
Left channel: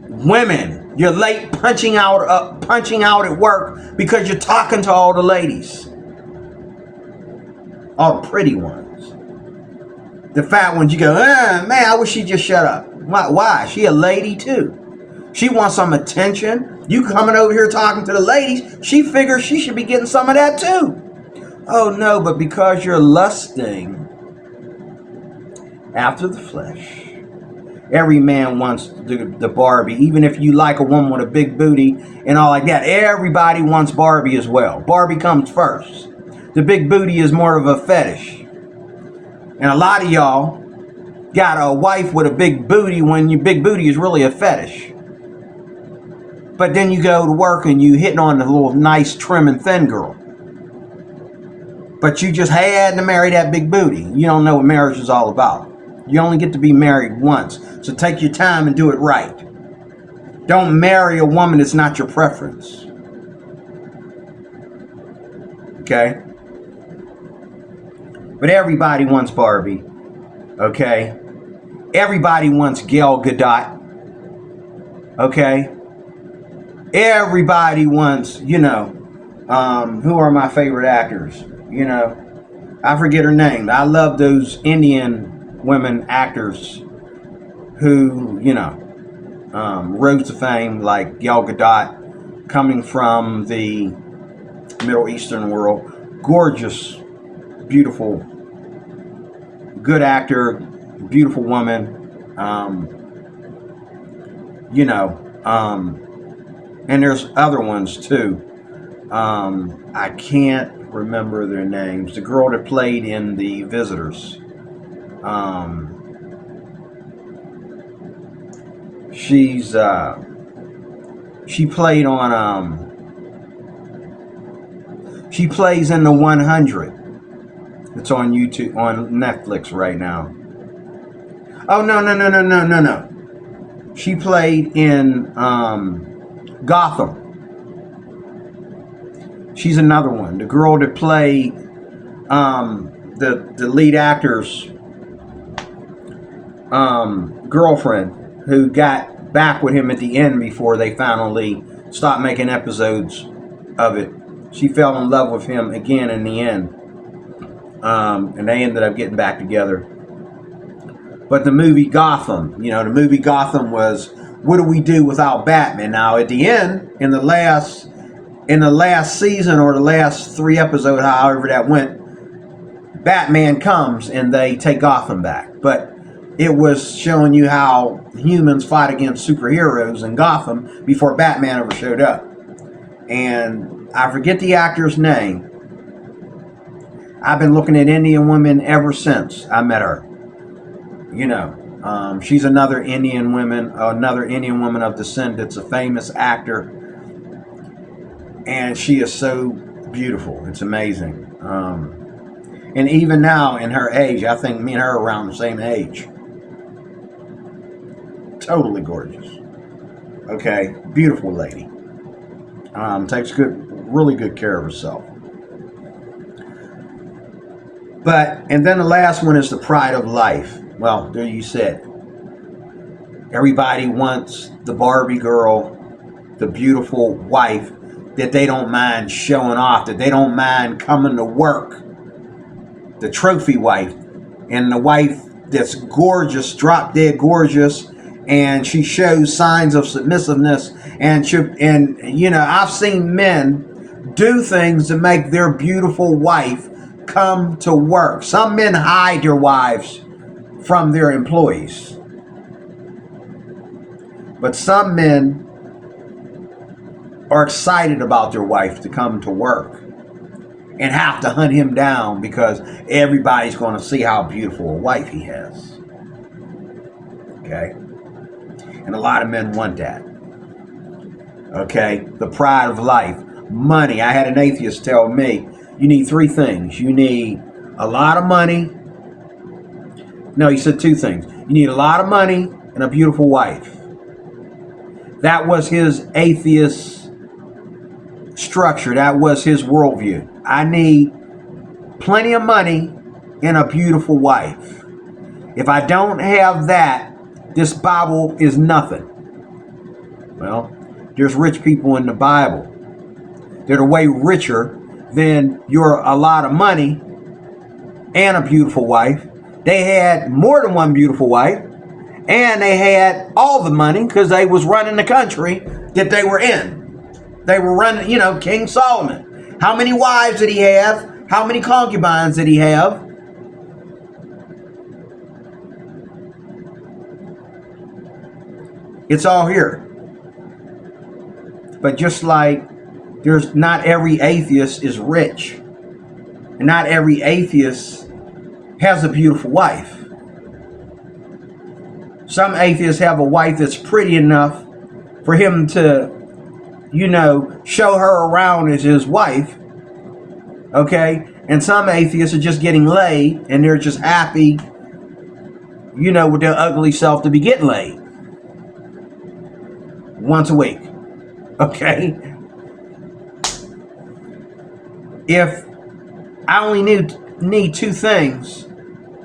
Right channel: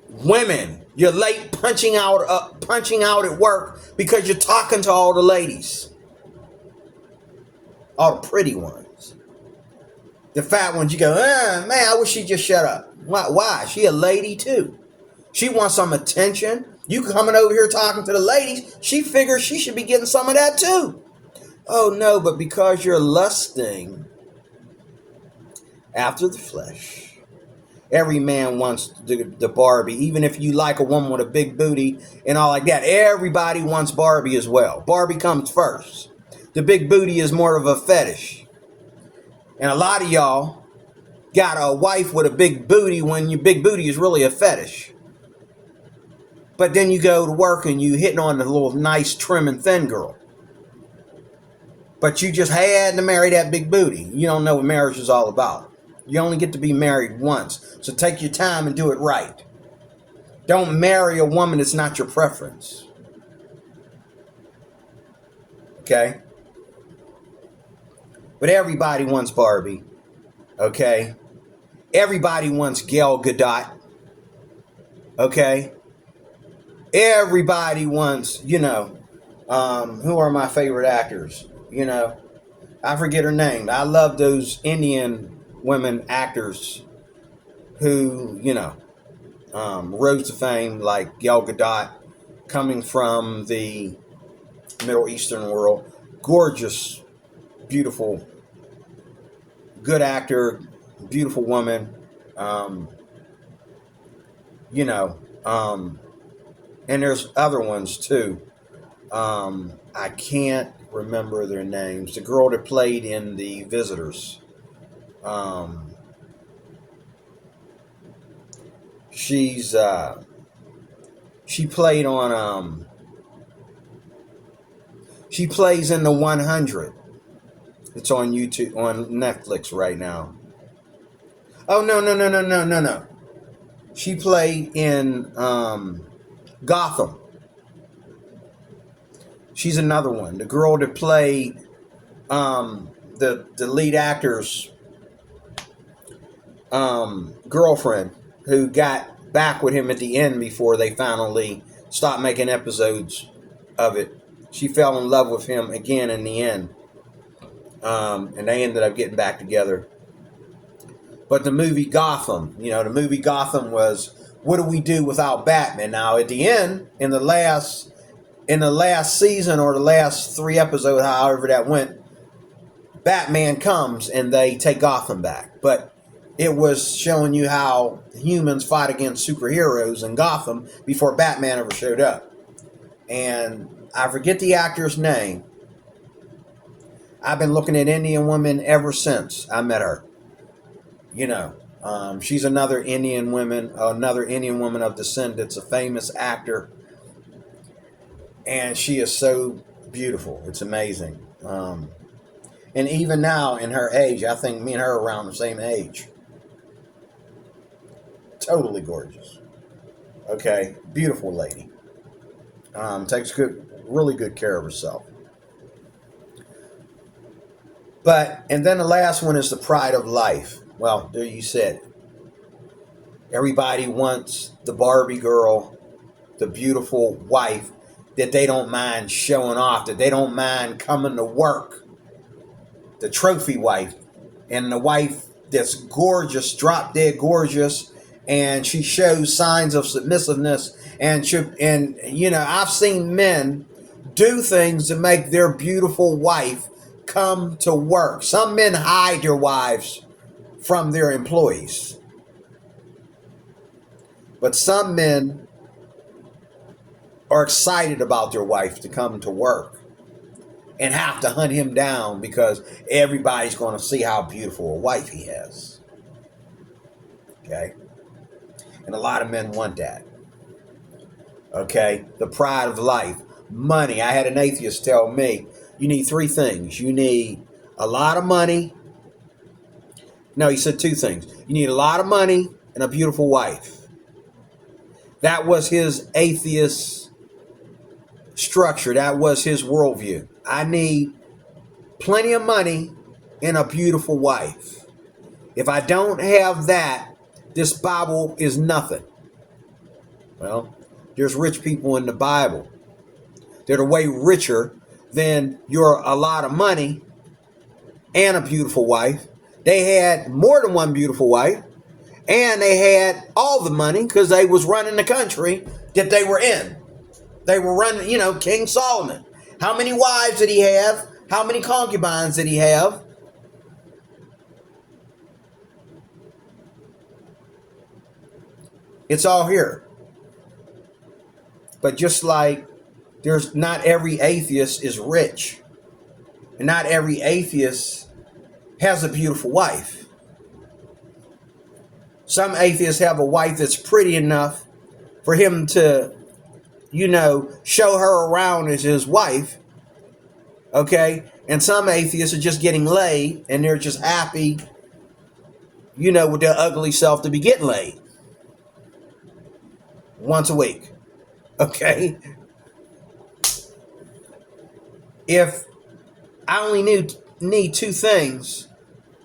women. You're late punching out at work because you're talking to all the ladies. All the pretty ones. The fat ones, you go, man, I wish she'd just shut up. Why? She a lady too. She wants some attention. You coming over here talking to the ladies, she figures she should be getting some of that too. Oh no, but because you're lusting after the flesh. Every man wants the Barbie. Even if you like a woman with a big booty and all like that, everybody wants Barbie as well. Barbie comes first. The big booty is more of a fetish. And a lot of y'all got a wife with a big booty when your big booty is really a fetish. But then you go to work and you hitting on the little nice, trim, and thin girl. But you just had to marry that big booty. You don't know what marriage is all about. You only get to be married once. So take your time and do it right. Don't marry a woman that's not your preference. Okay? But everybody wants Barbie. Okay? Everybody wants Gal Gadot. Okay? Everybody wants, who are my favorite actors? I forget her name. I love those Indian women actors who, rose to fame, like Gal Gadot, coming from the Middle Eastern world. Gorgeous, beautiful, good actor, beautiful woman. And there's other ones too. I can't remember their names. The girl that played in The Visitors. She played on she plays in The 100. It's on YouTube, on Netflix right now. Oh, no. She played in Gotham. She's another one. The girl that played the lead actor's girlfriend, who got back with him at the end before they finally stopped making episodes of it. She fell in love with him again in the end. And they ended up getting back together. But the movie Gotham, was, what do we do without Batman? Now at the end, in the last season, or the last 3 episodes, however that went, Batman comes and they take Gotham back. But it was showing you how humans fight against superheroes in Gotham before Batman ever showed up. And I forget the actor's name. I've been looking at Indian women ever since I met her. She's another Indian woman of descent that's a famous actor. And she is so beautiful. It's amazing. And even now, in her age, I think me and her are around the same age. Totally gorgeous. Okay, beautiful lady. Takes really good care of herself. And then the last one is the pride of life. Well, there you said. Everybody wants the Barbie girl, the beautiful wife that they don't mind showing off, that they don't mind coming to work. The trophy wife, and the wife that's gorgeous, drop dead gorgeous, and she shows signs of submissiveness. And I've seen men do things to make their beautiful wife come to work. Some men hide their wives from their employees, but some men are excited about their wife to come to work and have to hunt him down because everybody's going to see how beautiful a wife he has. Okay? And a lot of men want that. Okay? The pride of life. Money. I had an atheist tell me, you need 3 things. You need a lot of money. No, he said 2 things. You need a lot of money and a beautiful wife. That was his atheist structure. That was his worldview. I need plenty of money and a beautiful wife. If I don't have that, this Bible is nothing. Well, there's rich people in the Bible that are way richer than your a lot of money and a beautiful wife. They had more than one beautiful wife, and they had all the money because they was running the country that they were in. They were running, King Solomon. How many wives did he have? How many concubines did he have? It's all here. But just like there's not every atheist is rich, and not every atheist has a beautiful wife. Some atheists have a wife that's pretty enough for him to, show her around as his wife. Okay? And some atheists are just getting laid, and they're just happy, with their ugly self to be getting laid. once a week. Okay? If I only need two things,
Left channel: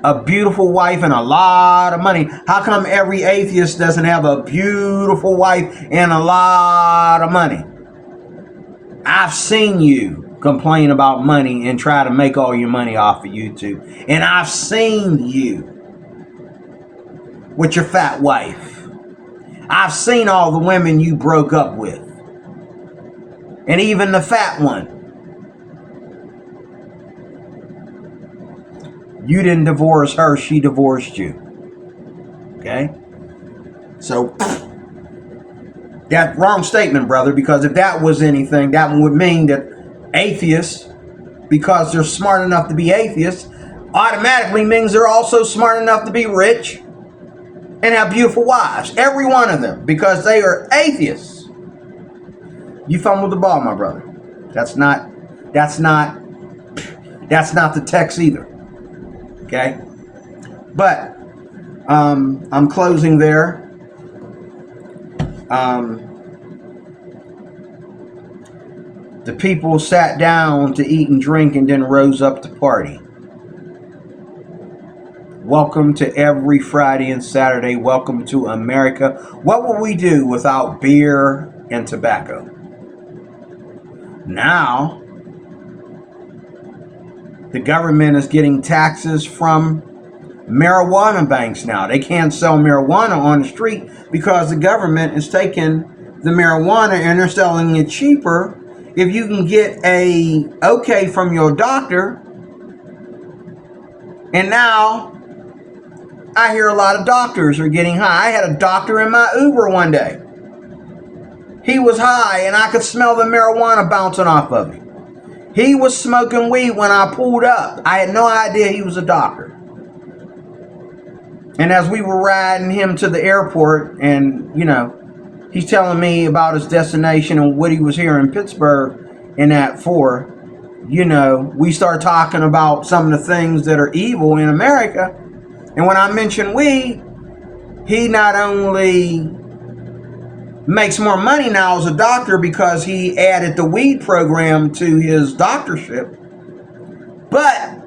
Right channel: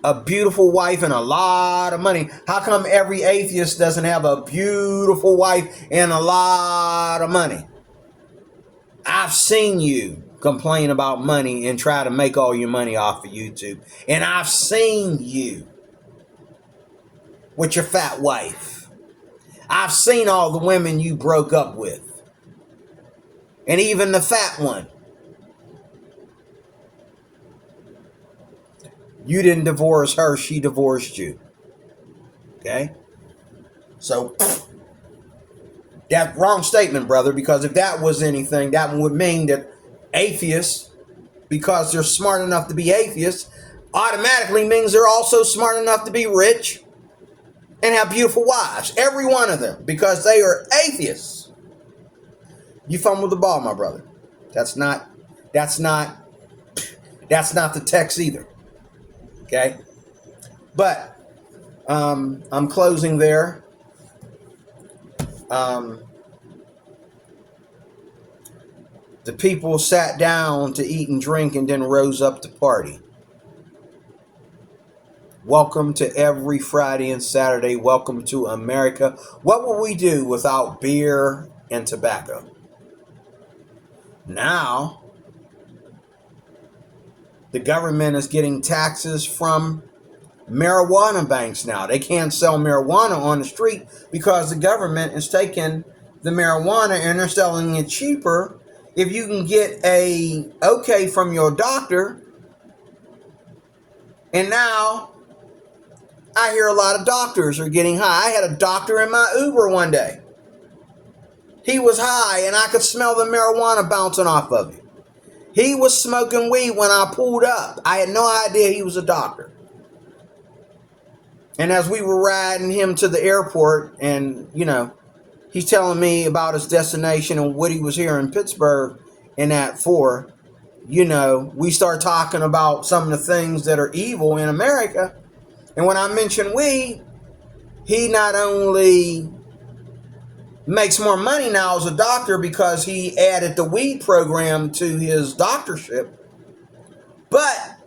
a beautiful wife and a lot of money, how come every atheist doesn't have a beautiful wife and a lot of money? I've seen you complain about money and try to make all your money off of YouTube. And I've seen you with your fat wife. I've seen all the women you broke up with. And even the fat one. You didn't divorce her, she divorced you. Okay? So, that wrong statement, brother, because if that was anything, that would mean that atheists, because they're smart enough to be atheists, automatically means they're also smart enough to be rich and have beautiful wives. Every one of them, because they are atheists. You fumbled the ball, my brother. That's not the text either. Okay? But I'm closing there. The people sat down to eat and drink and then rose up to party. Welcome to every Friday and Saturday. Welcome to America. What would we do without beer and tobacco? Now, the government is getting taxes from marijuana banks now. They can't sell marijuana on the street because the government is taking the marijuana and they're selling it cheaper. If you can get a okay from your doctor. And now I hear a lot of doctors are getting high. I had a doctor in my Uber one day. He was high and I could smell the marijuana bouncing off of him. He was smoking weed when I pulled up. I had no idea he was a doctor. And as we were riding him to the airport and, he's telling me about his destination and what he was here in Pittsburgh and that for, we start talking about some of the things that are evil in America. And when I mention weed, he not only makes more money now as a doctor because he added the weed program to his doctorship, but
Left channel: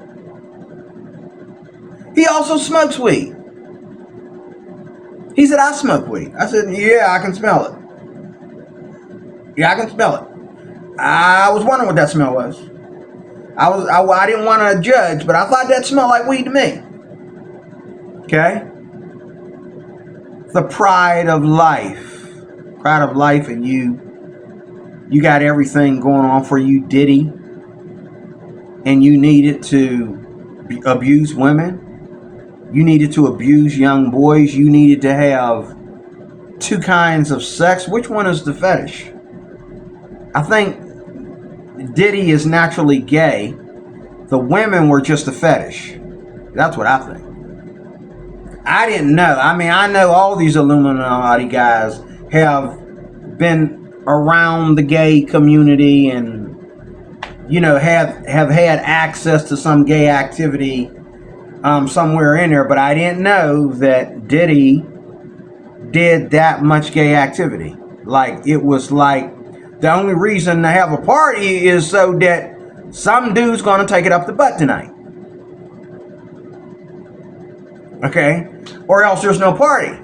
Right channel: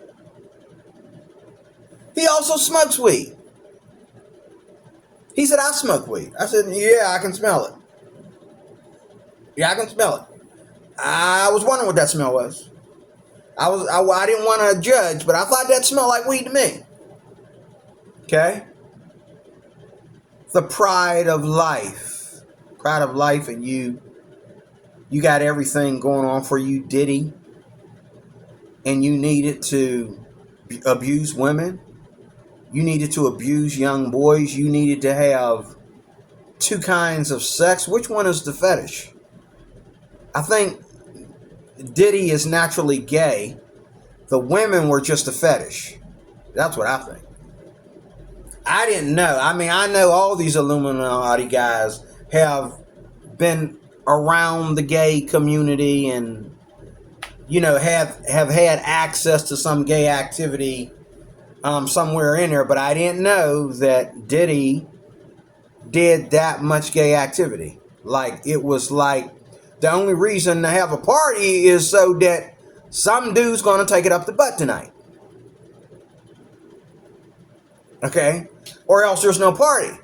he also smokes weed. He said, I smoke weed. I said, yeah, I can smell it. Yeah, I can smell it. I was wondering what that smell was. I didn't want to judge, but I thought that smelled like weed to me. Okay? The pride of life. Pride of life, and you got everything going on for you, Diddy. And you needed to abuse women. You needed to abuse young boys. You needed to have two kinds of sex. Which one is the fetish? I think Diddy is naturally gay. The women were just a fetish. That's what I think. I didn't know. I know all these Illuminati guys have been around the gay community and, have had access to some gay activity somewhere in there, but I didn't know that Diddy did that much gay activity. Like, it was like the only reason to have a party is so that some dude's gonna take it up the butt tonight. Okay? Or else there's no party.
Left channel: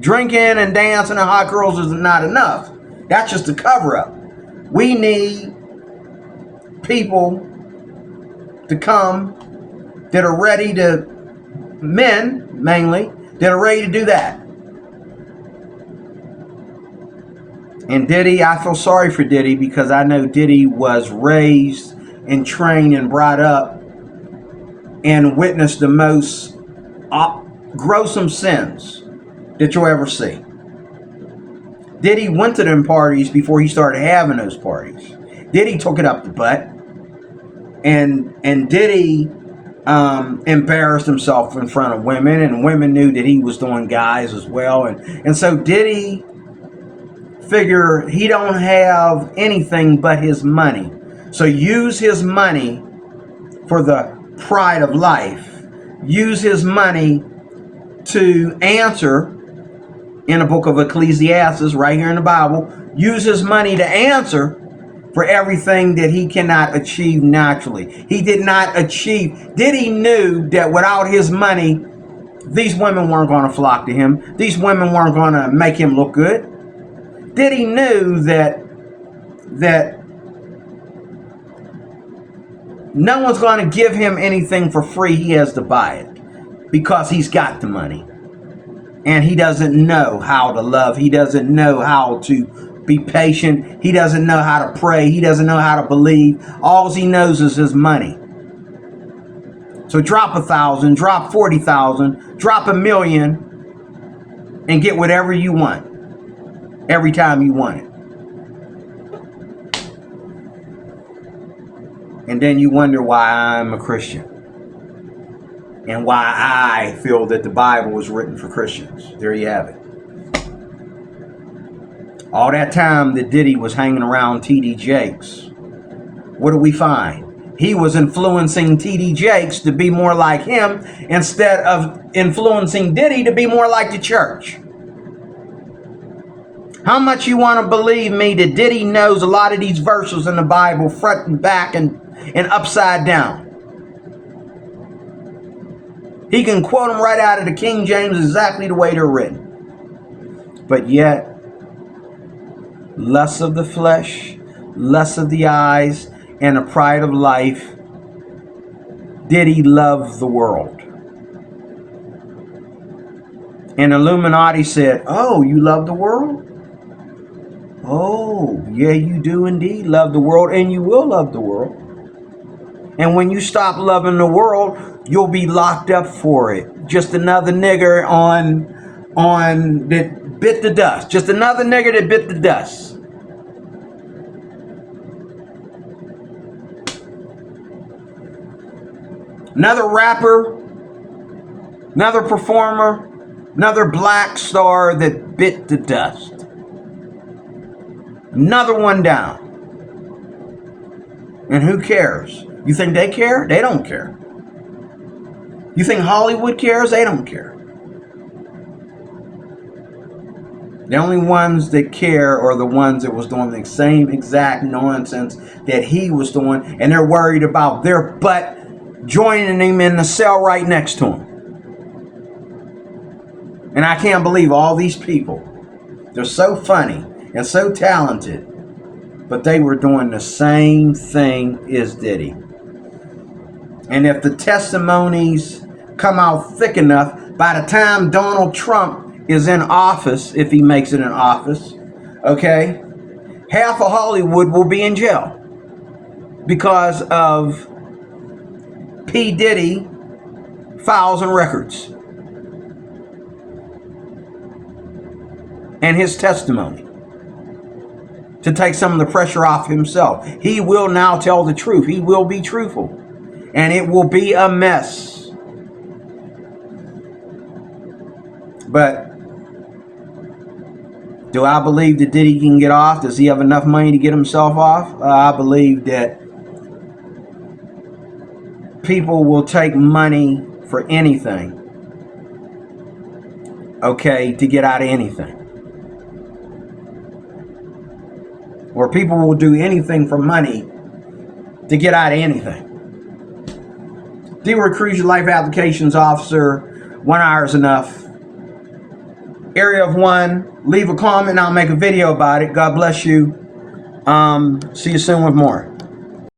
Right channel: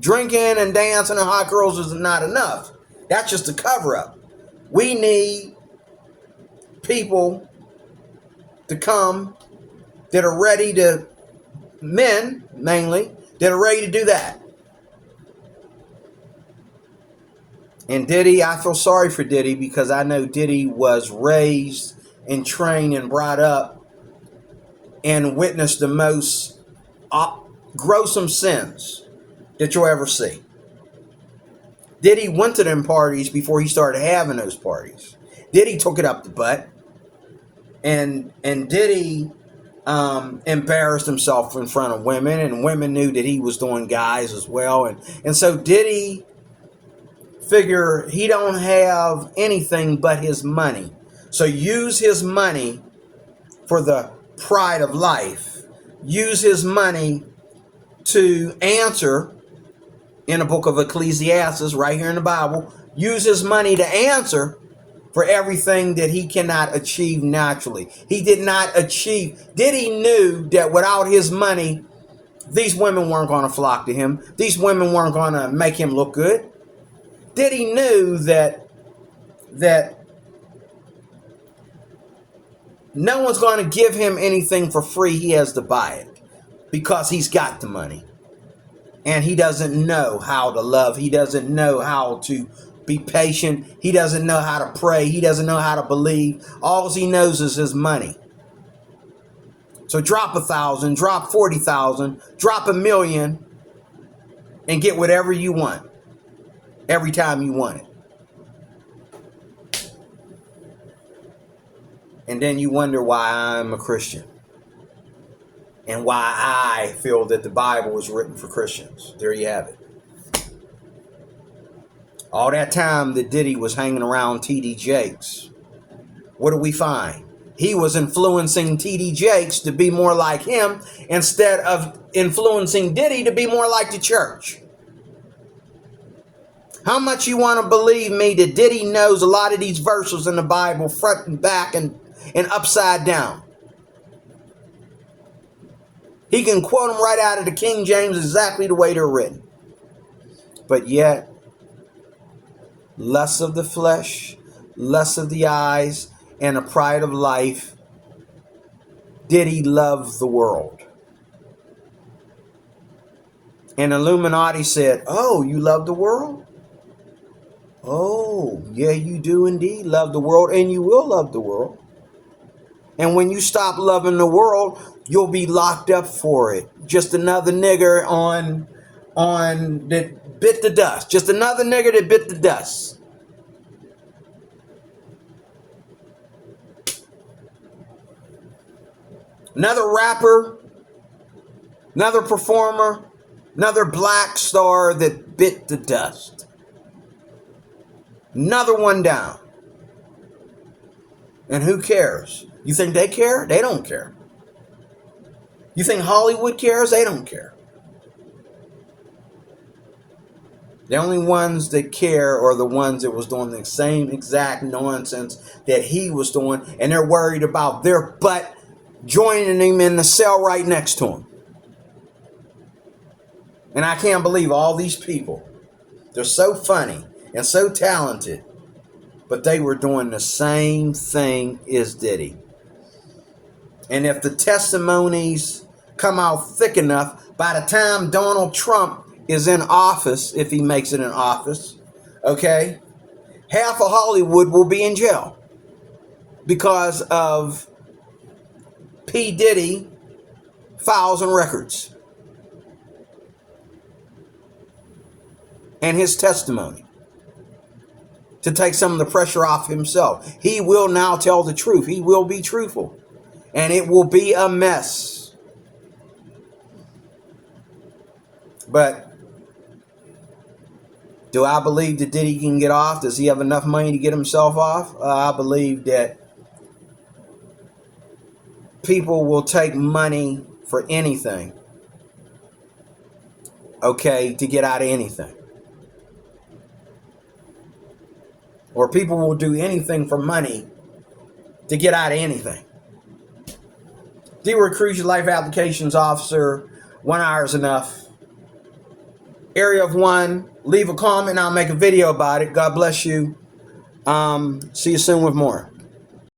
Drinking and dancing and hot girls is not enough. That's just a cover-up. We need people to come that are ready to, men mainly, that are ready to do that. And Diddy, I feel sorry for Diddy because I know Diddy was raised and trained and brought up and witnessed the most gruesome sins that you'll ever see. Diddy went to them parties before he started having those parties. Diddy took it up the butt. And Diddy embarrassed himself in front of women, and women knew that he was doing guys as well. And so Diddy figure he don't have anything but his money. So use his money for the pride of life. Use his money to answer in the book of Ecclesiastes, right here in the Bible, uses money to answer for everything that he cannot achieve naturally. He did not achieve. Diddy knew that without his money, these women weren't going to flock to him. These women weren't going to make him look good. Diddy knew that no one's going to give him anything for free. He has to buy it because he's got the money. And he doesn't know how to love. He doesn't know how to be patient. He doesn't know how to pray. He doesn't know how to believe. All he knows is his money. So drop 1,000, drop 40,000, drop $1 million, and get whatever you want every time you want it. And then you wonder why I'm a Christian and why I feel that the Bible was written for Christians. There you have it. All that time that Diddy was hanging around T.D. Jakes, what do we find? He was influencing T.D. Jakes to be more like him instead of influencing Diddy to be more like the church. How much you want to believe me that Diddy knows a lot of these verses in the Bible front and back and upside down? He can quote them right out of the King James exactly the way they're written. But yet, lust of the flesh, lust of the eyes, and the pride of life, Diddy loved the world. And Illuminati said, oh, you love the world? Oh, yeah, you do indeed love the world, and you will love the world. And when you stop loving the world, you'll be locked up for it. Just another nigger on that bit the dust. Just another nigger that bit the dust. Another rapper, another performer, another black star that bit the dust. Another one down. And who cares? You think they care? They don't care. You think Hollywood cares? They don't care. The only ones that care are the ones that was doing the same exact nonsense that he was doing, and they're worried about their butt joining him in the cell right next to him. And I can't believe all these people. They're so funny and so talented, but they were doing the same thing as Diddy. And if the testimonies come out thick enough, by the time Donald Trump is in office, if he makes it in office, okay, half of Hollywood will be in jail because of P. Diddy files and records and his testimony to take some of the pressure off himself. He will now tell the truth. He will be truthful. And it will be a mess. But do I believe that Diddy can get off? Does he have enough money to get himself off? I believe that people will take money for anything, okay, to get out of anything. Or people will do anything for money to get out of anything. D-Word Cruise, your life applications officer. 1 hour is enough. Area of 1. Leave a comment and I'll make a video about it. God bless you. See you soon with more.